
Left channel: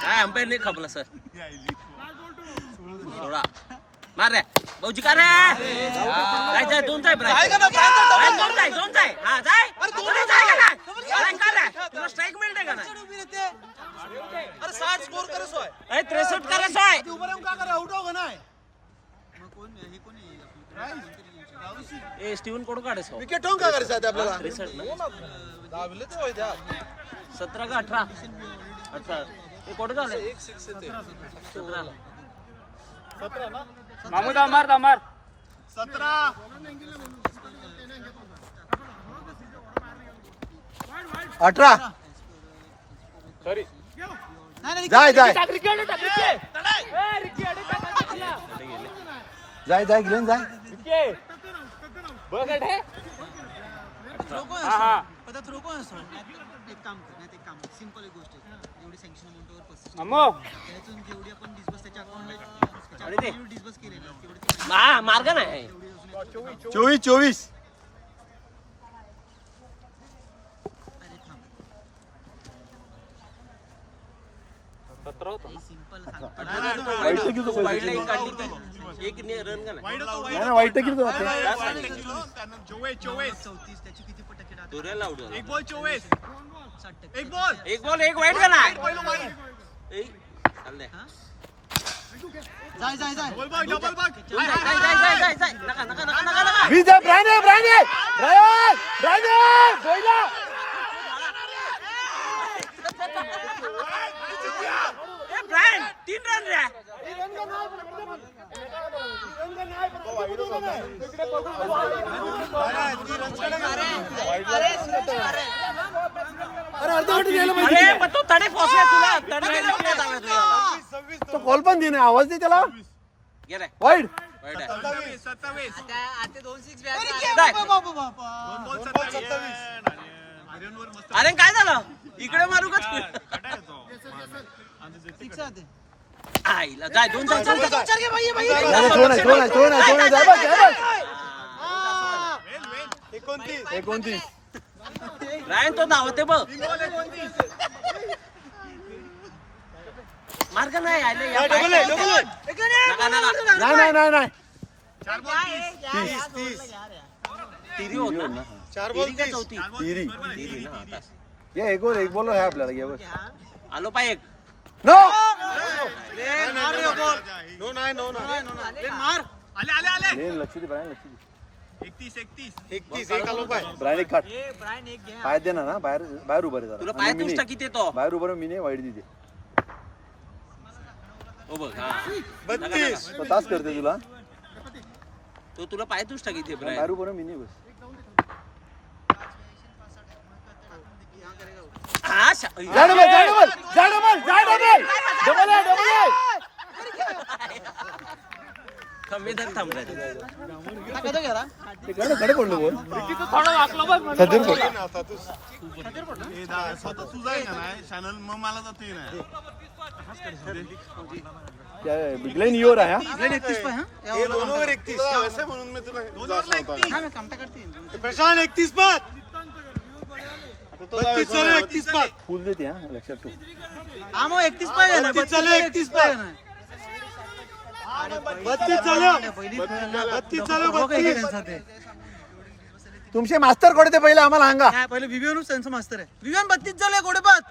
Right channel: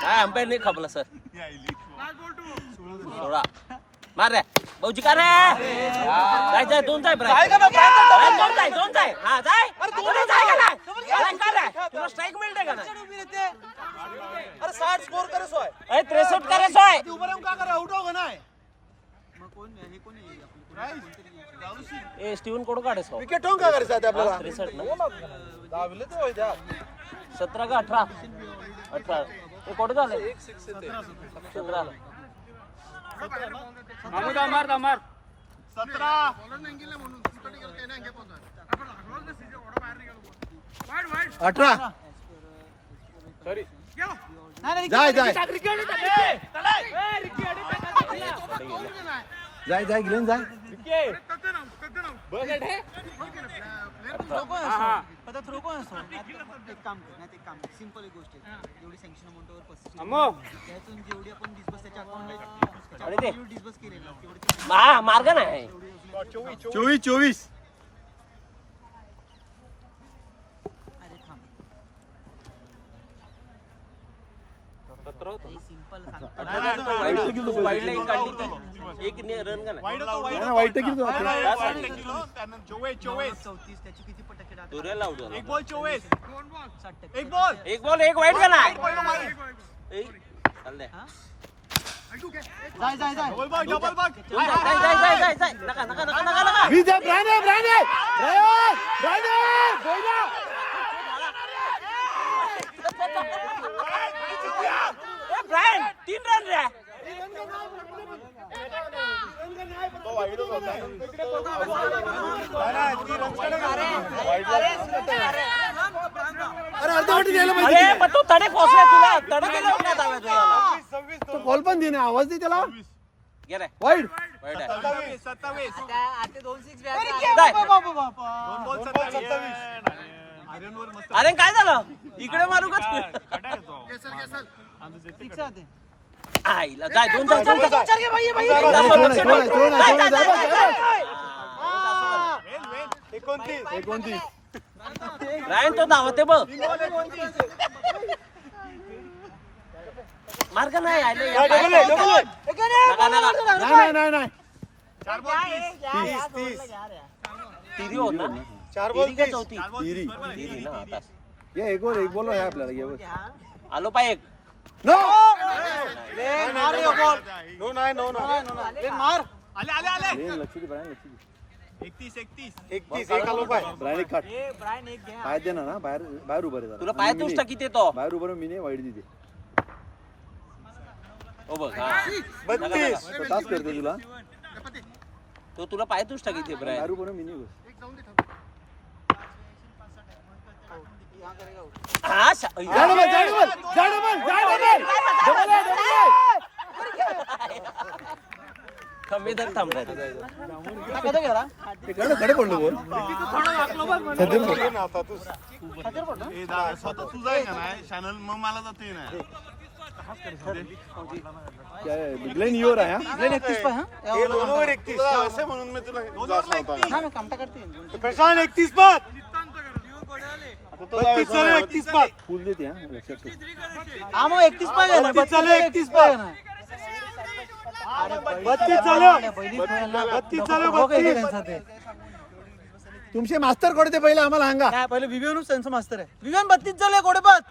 काय अंपायर नाही खपला सर थोडा मार रे भाऊजी का रे जाय जाय दोन जाय ब्राय दोन जाय हा जाय अरे जाय का ना काय रे तुला स्ट्राइक मिळते का ना अरे 60 स्कोर करस होय अरे 63 करस होय तू बरं का करे आउट हो ना ए स्टीवन कोण काढस हो विकेट ठेवून काय करायचं आता आपल्याला 63 ना दाबले ते होय त्या 17 का 18 अच्छा हे कोण झालं 17 मार 17 18 जाय जाय जाय जाय ग्लेन जाय पता रोको एक काम कर नाही एक काम सिंपल एक गोष्ट आहे एवढी सँक्शन अमाउंटवर 35 त्यातून जेवढी आपण डिस्बर्स त्याच्या अकाउंटला डिस्बर्स केले ना तेवढे हा मार्ग नाही 24 अरे थांब 17 सिंपल सांग 18 तो वाईड लाईन काढली ती एक रन का नाही वाईट किती होते काय काढली 34 त्याची किती टक्के राहते दुरेला आउट झाला 60% एक बॉल एक वाईड का नाही ए चाल दे जाय जाय जाय जाय नका विजय बोला ब्रायन 3 रन रे अरे अर्धवटी द्यायला अरे पाहिजे पण तू तडे पोचलाय तुला तडे गेल्यावर काय दाव्या तुला तो बॉल पण दे ना आवाज दे त्याला गे रे वाईड वाईड आहे आता 2-6 जाय. अरे काय झालं इकडे मारू का आईला जाय दोन जाय रायन तो धावते बघ मार्ग नाही आले या नाही तिरी होत ना तिरी का चौथी तिरी तिरी ना आता ये एक बॉल आहे आपल्याला घे बस आलो पाय एक नो मार रे बॉल नो मार लक्ष दे ब्रायन लक्ष दे 31 ब्रायन एक काट ब्रायन एक घे पाय दे ना बाहेर उभा रे तुला पाय तुष्टा किती तो बाहेर उभा मी नाही वाईट दिते ओ बघ हा तास करते तुला तो तुला पाय तुष्टा किती बाहेर ब्रायन उभा मी नाही बस हा कमी धर थांब कडे पडलो बोल बिगलाइन योर आहे 31 पाय हा 31 असे म्हणून मी तुला ना कामटा करते प्रशांत 31 पात 32 चालू 31 पात फुल देते हा लक्षात ठेव हा मग 31 पाय आहे ना 31 पाय ना अरे 32 चालू पहिली खेळायला 32 चालू हो काय त्यांचा ते तुमचे मास्तर कोण ते पहिले आम्हाला सांगा काय पहिले विवेनच त्यांचं मास्तर आहे विवेन 32 झाले गोडेपत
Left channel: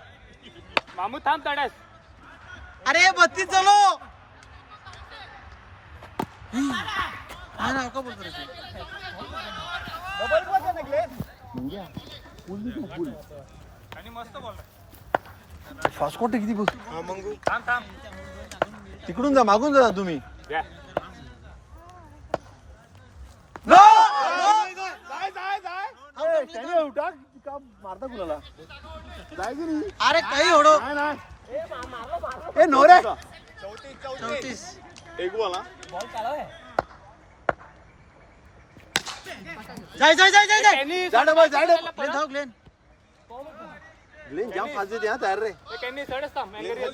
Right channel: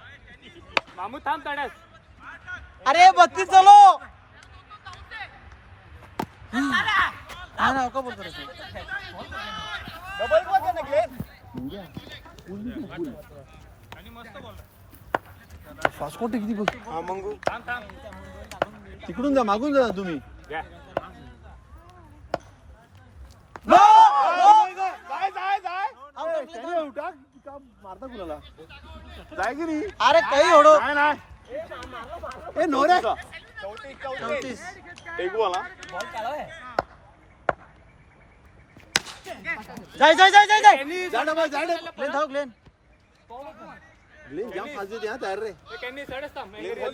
मामू थांब तड्यास अरे 32 झालो हा ना का बोलतो रे फास्ट किती बघ तिकडून जा मागून जा तुम्ही मारता फुलाला जाय की नाही अरे काही होडो ए नो रे 34 एक बोला बॉल काढा है जाय जाय जाय जाय जाय जाडे बॉल जाडे ग्लेन धाव ग्लेन ग्लेन जाम फास्ट देते हां तयार रे त्यांनी साइडच थांब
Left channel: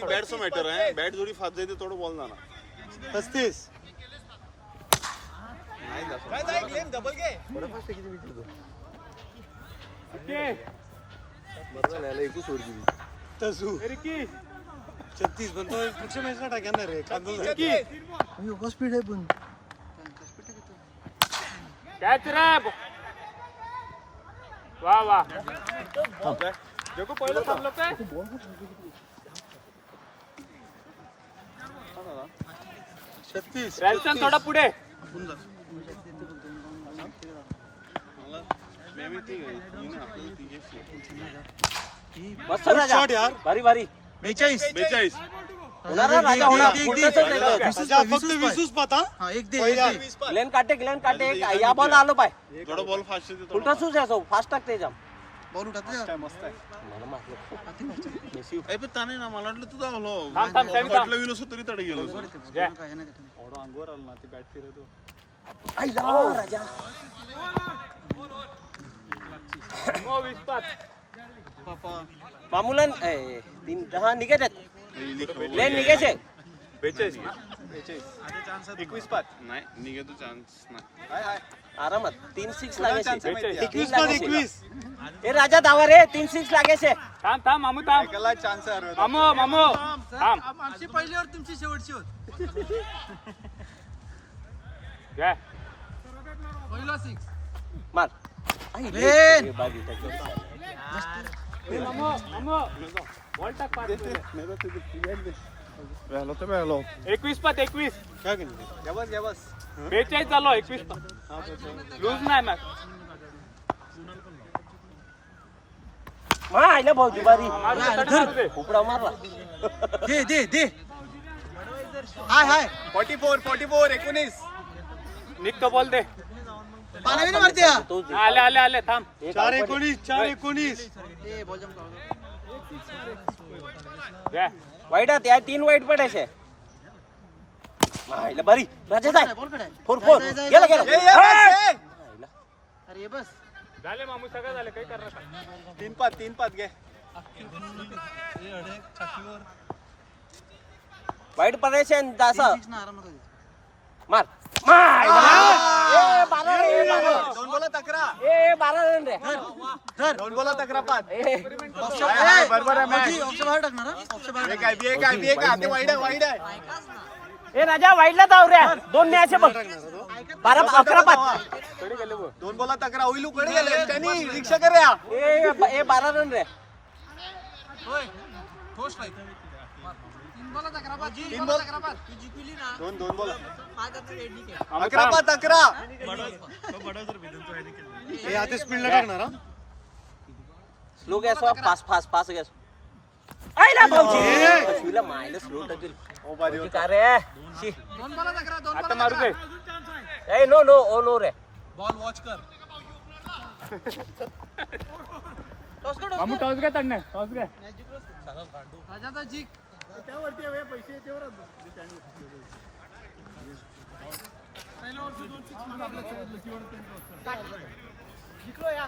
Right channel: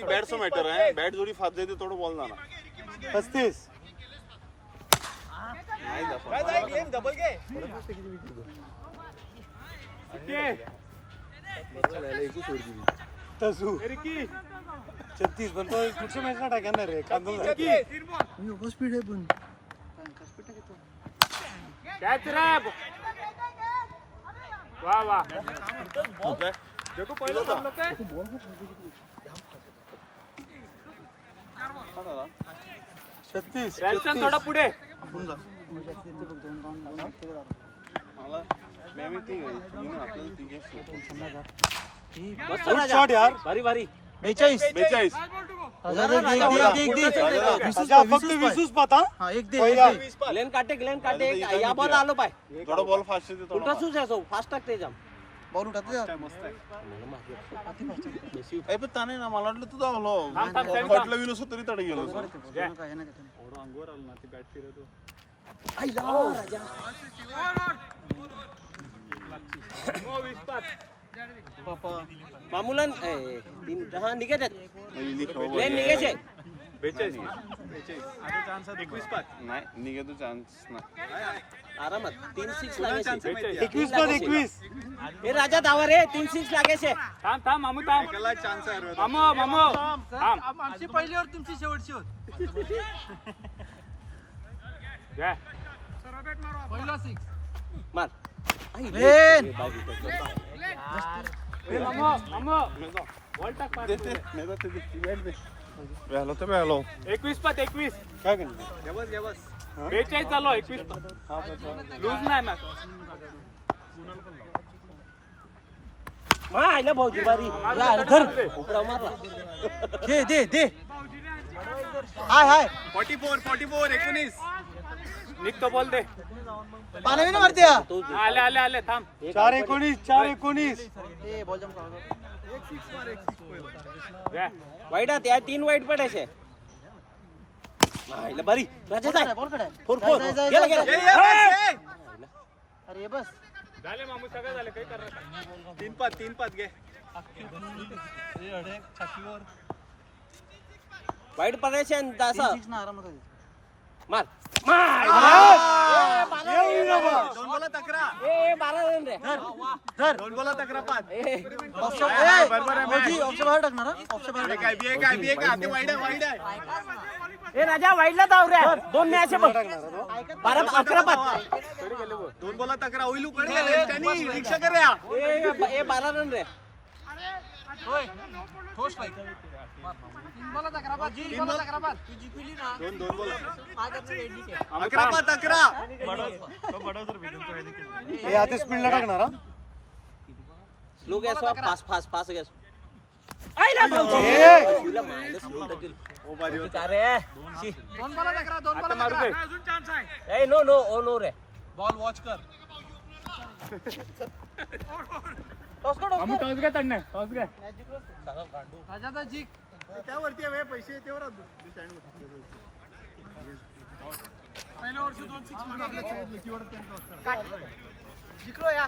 बॅटचं मॅटर आहे बॅट जोडी फास्ट देते थोडं बॉल जाणार 35 छत्तीस पण तो पुढच्या मॅचला टाकणार रे स्पीड आहे पण कॅच रे वा वा देखो पहिलं थांबलो काय छत्तीस रॅल्सन थोडा पुढे मस्त शॉट यार भारी भारी 42 42 ग्लेन काटे या बॉल आलो पाय थोडा बॉल फास्ट देतो उलटा सूज आहे सो फास्ट टाकते जाम बॉल उठाते मस्त आहे पण ताने ना मला वाटलं तुझा आलो थांब, थांब. वाटलं विनोस तरी तडे गेलो अंगवर आलो ना ती बॅट फिरतो मामूलन हा निघायचे ग्लेन निघायचे 21 पाच नाही निघतो चान्स नाही आरामात 3-6 लागायचे 21 ए राजा दावा रे 3-6 लागायचे थांब थांब मामू थांब एकाला चान्स आहे मामू मामू थांब आमची पहिलीवर तुमची शेवटची होत घ्या मार ग्लेन ए मामू मामू बॉल टाक पाच पहिले. आलो तर आलो 21 पात 21 काय केलं 42 चालू 21 लूज नाही मॅच मा आईला भाऊ बारी उपडा मारला दे हाय 44 19 निघतो बॉल दे पाणी नाही मारते आले आले आले थांब 4-19 ए बॉल जंप घ्या वाईट त्या 3 वाईट पडायचे आईला बारी राजा जाय बॉल कडे फोर जाय, गेला जाय, गेला अरे बस झाले मामू सगळं झालं काही करणार का 3 पाच घे वाईट पडायचे आणि दासा 6 ना आरामात होते मार दोन बोला तक्रा ए 12 रन रे धर दोन बोला तक्रा पाच बरोबर आहे ऑप्शन बाहेर टाकणार ऑप्शन बाहेर काय बी आहे वाईड आहे ए राजा वाईटला जाऊ रे दोन न्यायचे बघ 12-11 पाच दोन बोला तक्रा होईल उकडे गेले त्यांनी रिक्षा करूया ए 12 रन रे 3 बॉल दोन बोला 11 पाच 11 हे आता स्पीडला टाकणार हा स्लो गॅस फास्ट गॅस आईला भाऊजी तुला मारलं स्लो टाकेल ओ बारी होता अरे शी आता मारू दे ए नो रे मामू टॉस घ्या तडणे टॉस घ्या त्यावरती पैसे त्यावर जिंकलो या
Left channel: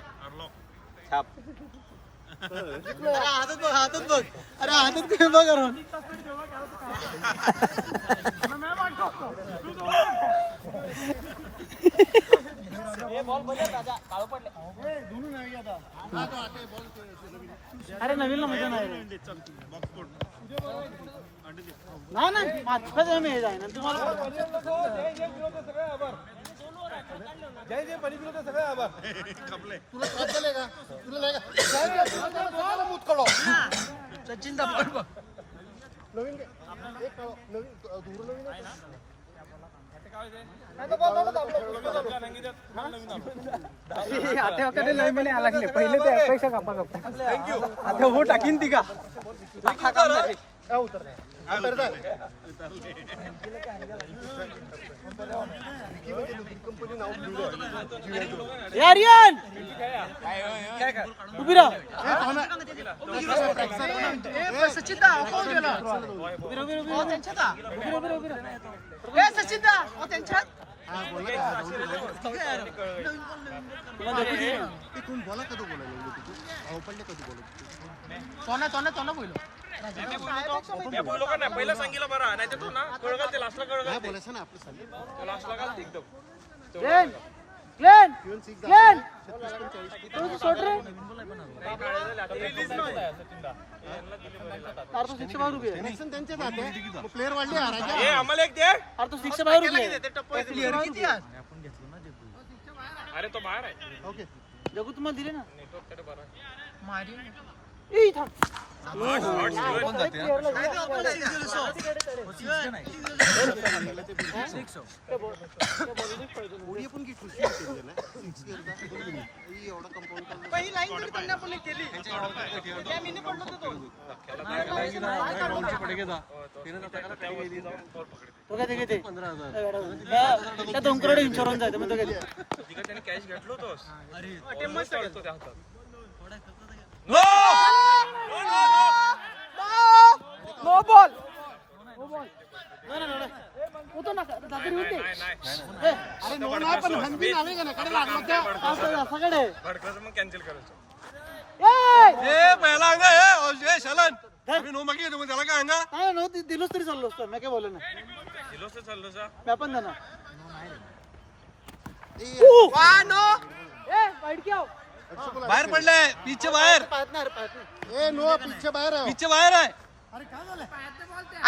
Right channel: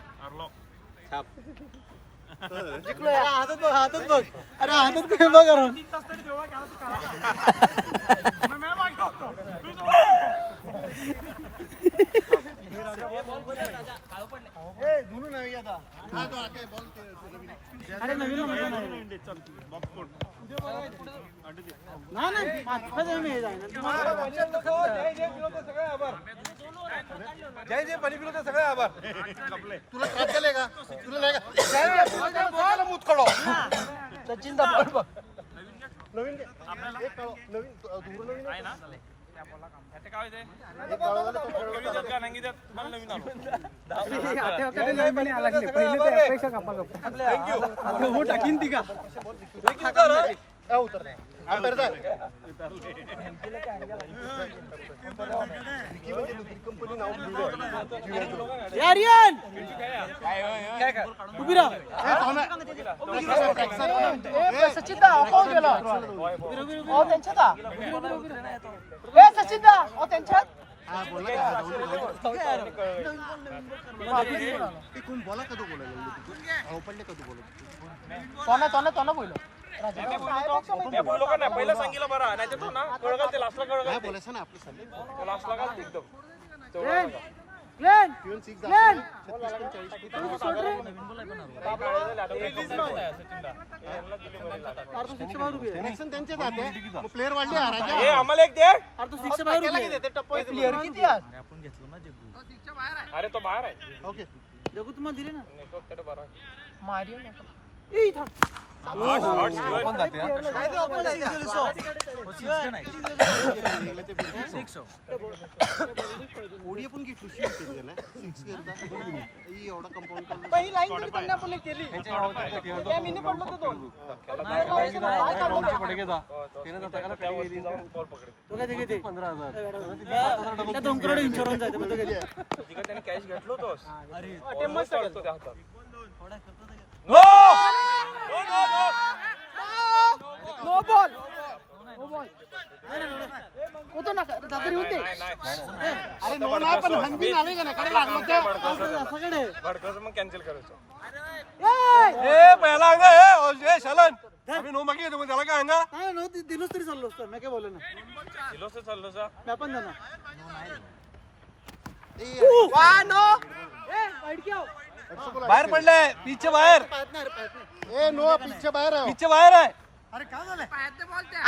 छाप जिंकलो या हातात बघ अरे हातात काय बघ अरे नवीन जय पाणी पिलो सगळे आभार तुला त्रास झाले का तुला नाही का सचिन दा बॉल बघ नवीन एक नवीन पहिले ते अपेक्षा कापा आता हो टाकीन ती का यारियन उभी राहा सचिन दा हो गेला हो त्यांच्यात ए सचिन दा हो त्यांच्यात तोना तोना तोना बोललो पहिलं सांगितलं बरं नाही तर तो ना कळगल ते लास्टला कळगल तो लास्टला का एकदम क्लेन क्लेन क्लेन तू सोड रे अरे तू शिक्षा बाहेर उभी आहे प्लेअर वाढले ए आम्हाला एक दे अरे तू शिक्षा बाहेर उभी आहे प्लेअर किती आहे अरे तो बाहेर आहे ओके जगू तुम्हाला दिले ना मारियो ए इथं पहिली लाईन तरी त्यांनी आपण केली त्या लिहिणे पडलो होतो तो काय ते त्या 2 करोड इन्शुरन्स आहे म्हणजे काय त्याने कॅश घेतलो होतोस नो बॉल नो बॉल होतो ना दादरी होते भडकाचं मग कॅन्सल करायचं दिलोच तरी चाललो असतो मी काय बोललो ना दिलोस तर चाललो जा मी पण देणार बाहेर पडलाय पिच्चे बाहेर ए नो पिच्चे बाहेर आहे पिच्चे बाहेर आहे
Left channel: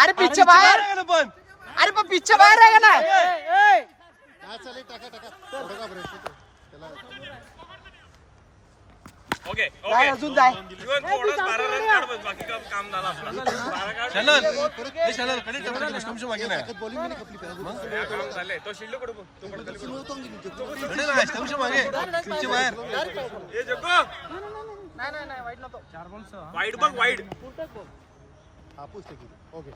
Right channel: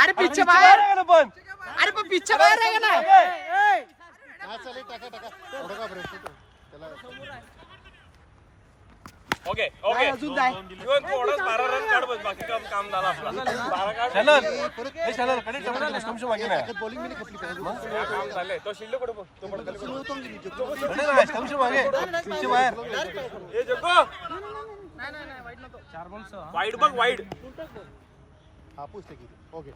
अरे पिच्चे बाहेर पण अरे पण पिच्चे बाहेर आहे का नाही ओके नाही, ओके अजून जाय इवन थोडंच 12 रन काढ बस बाकी काम झालं आपला 12 काढ चलन हे चलन कडे टपके कस्टमचे मागे नाही काम झालंय तो शिल्लक कुठे बघ तो पडतले कस्टमचे मागे पिच्चे बाहेर ए जगो वाईड बघ वाईड हापूस ओके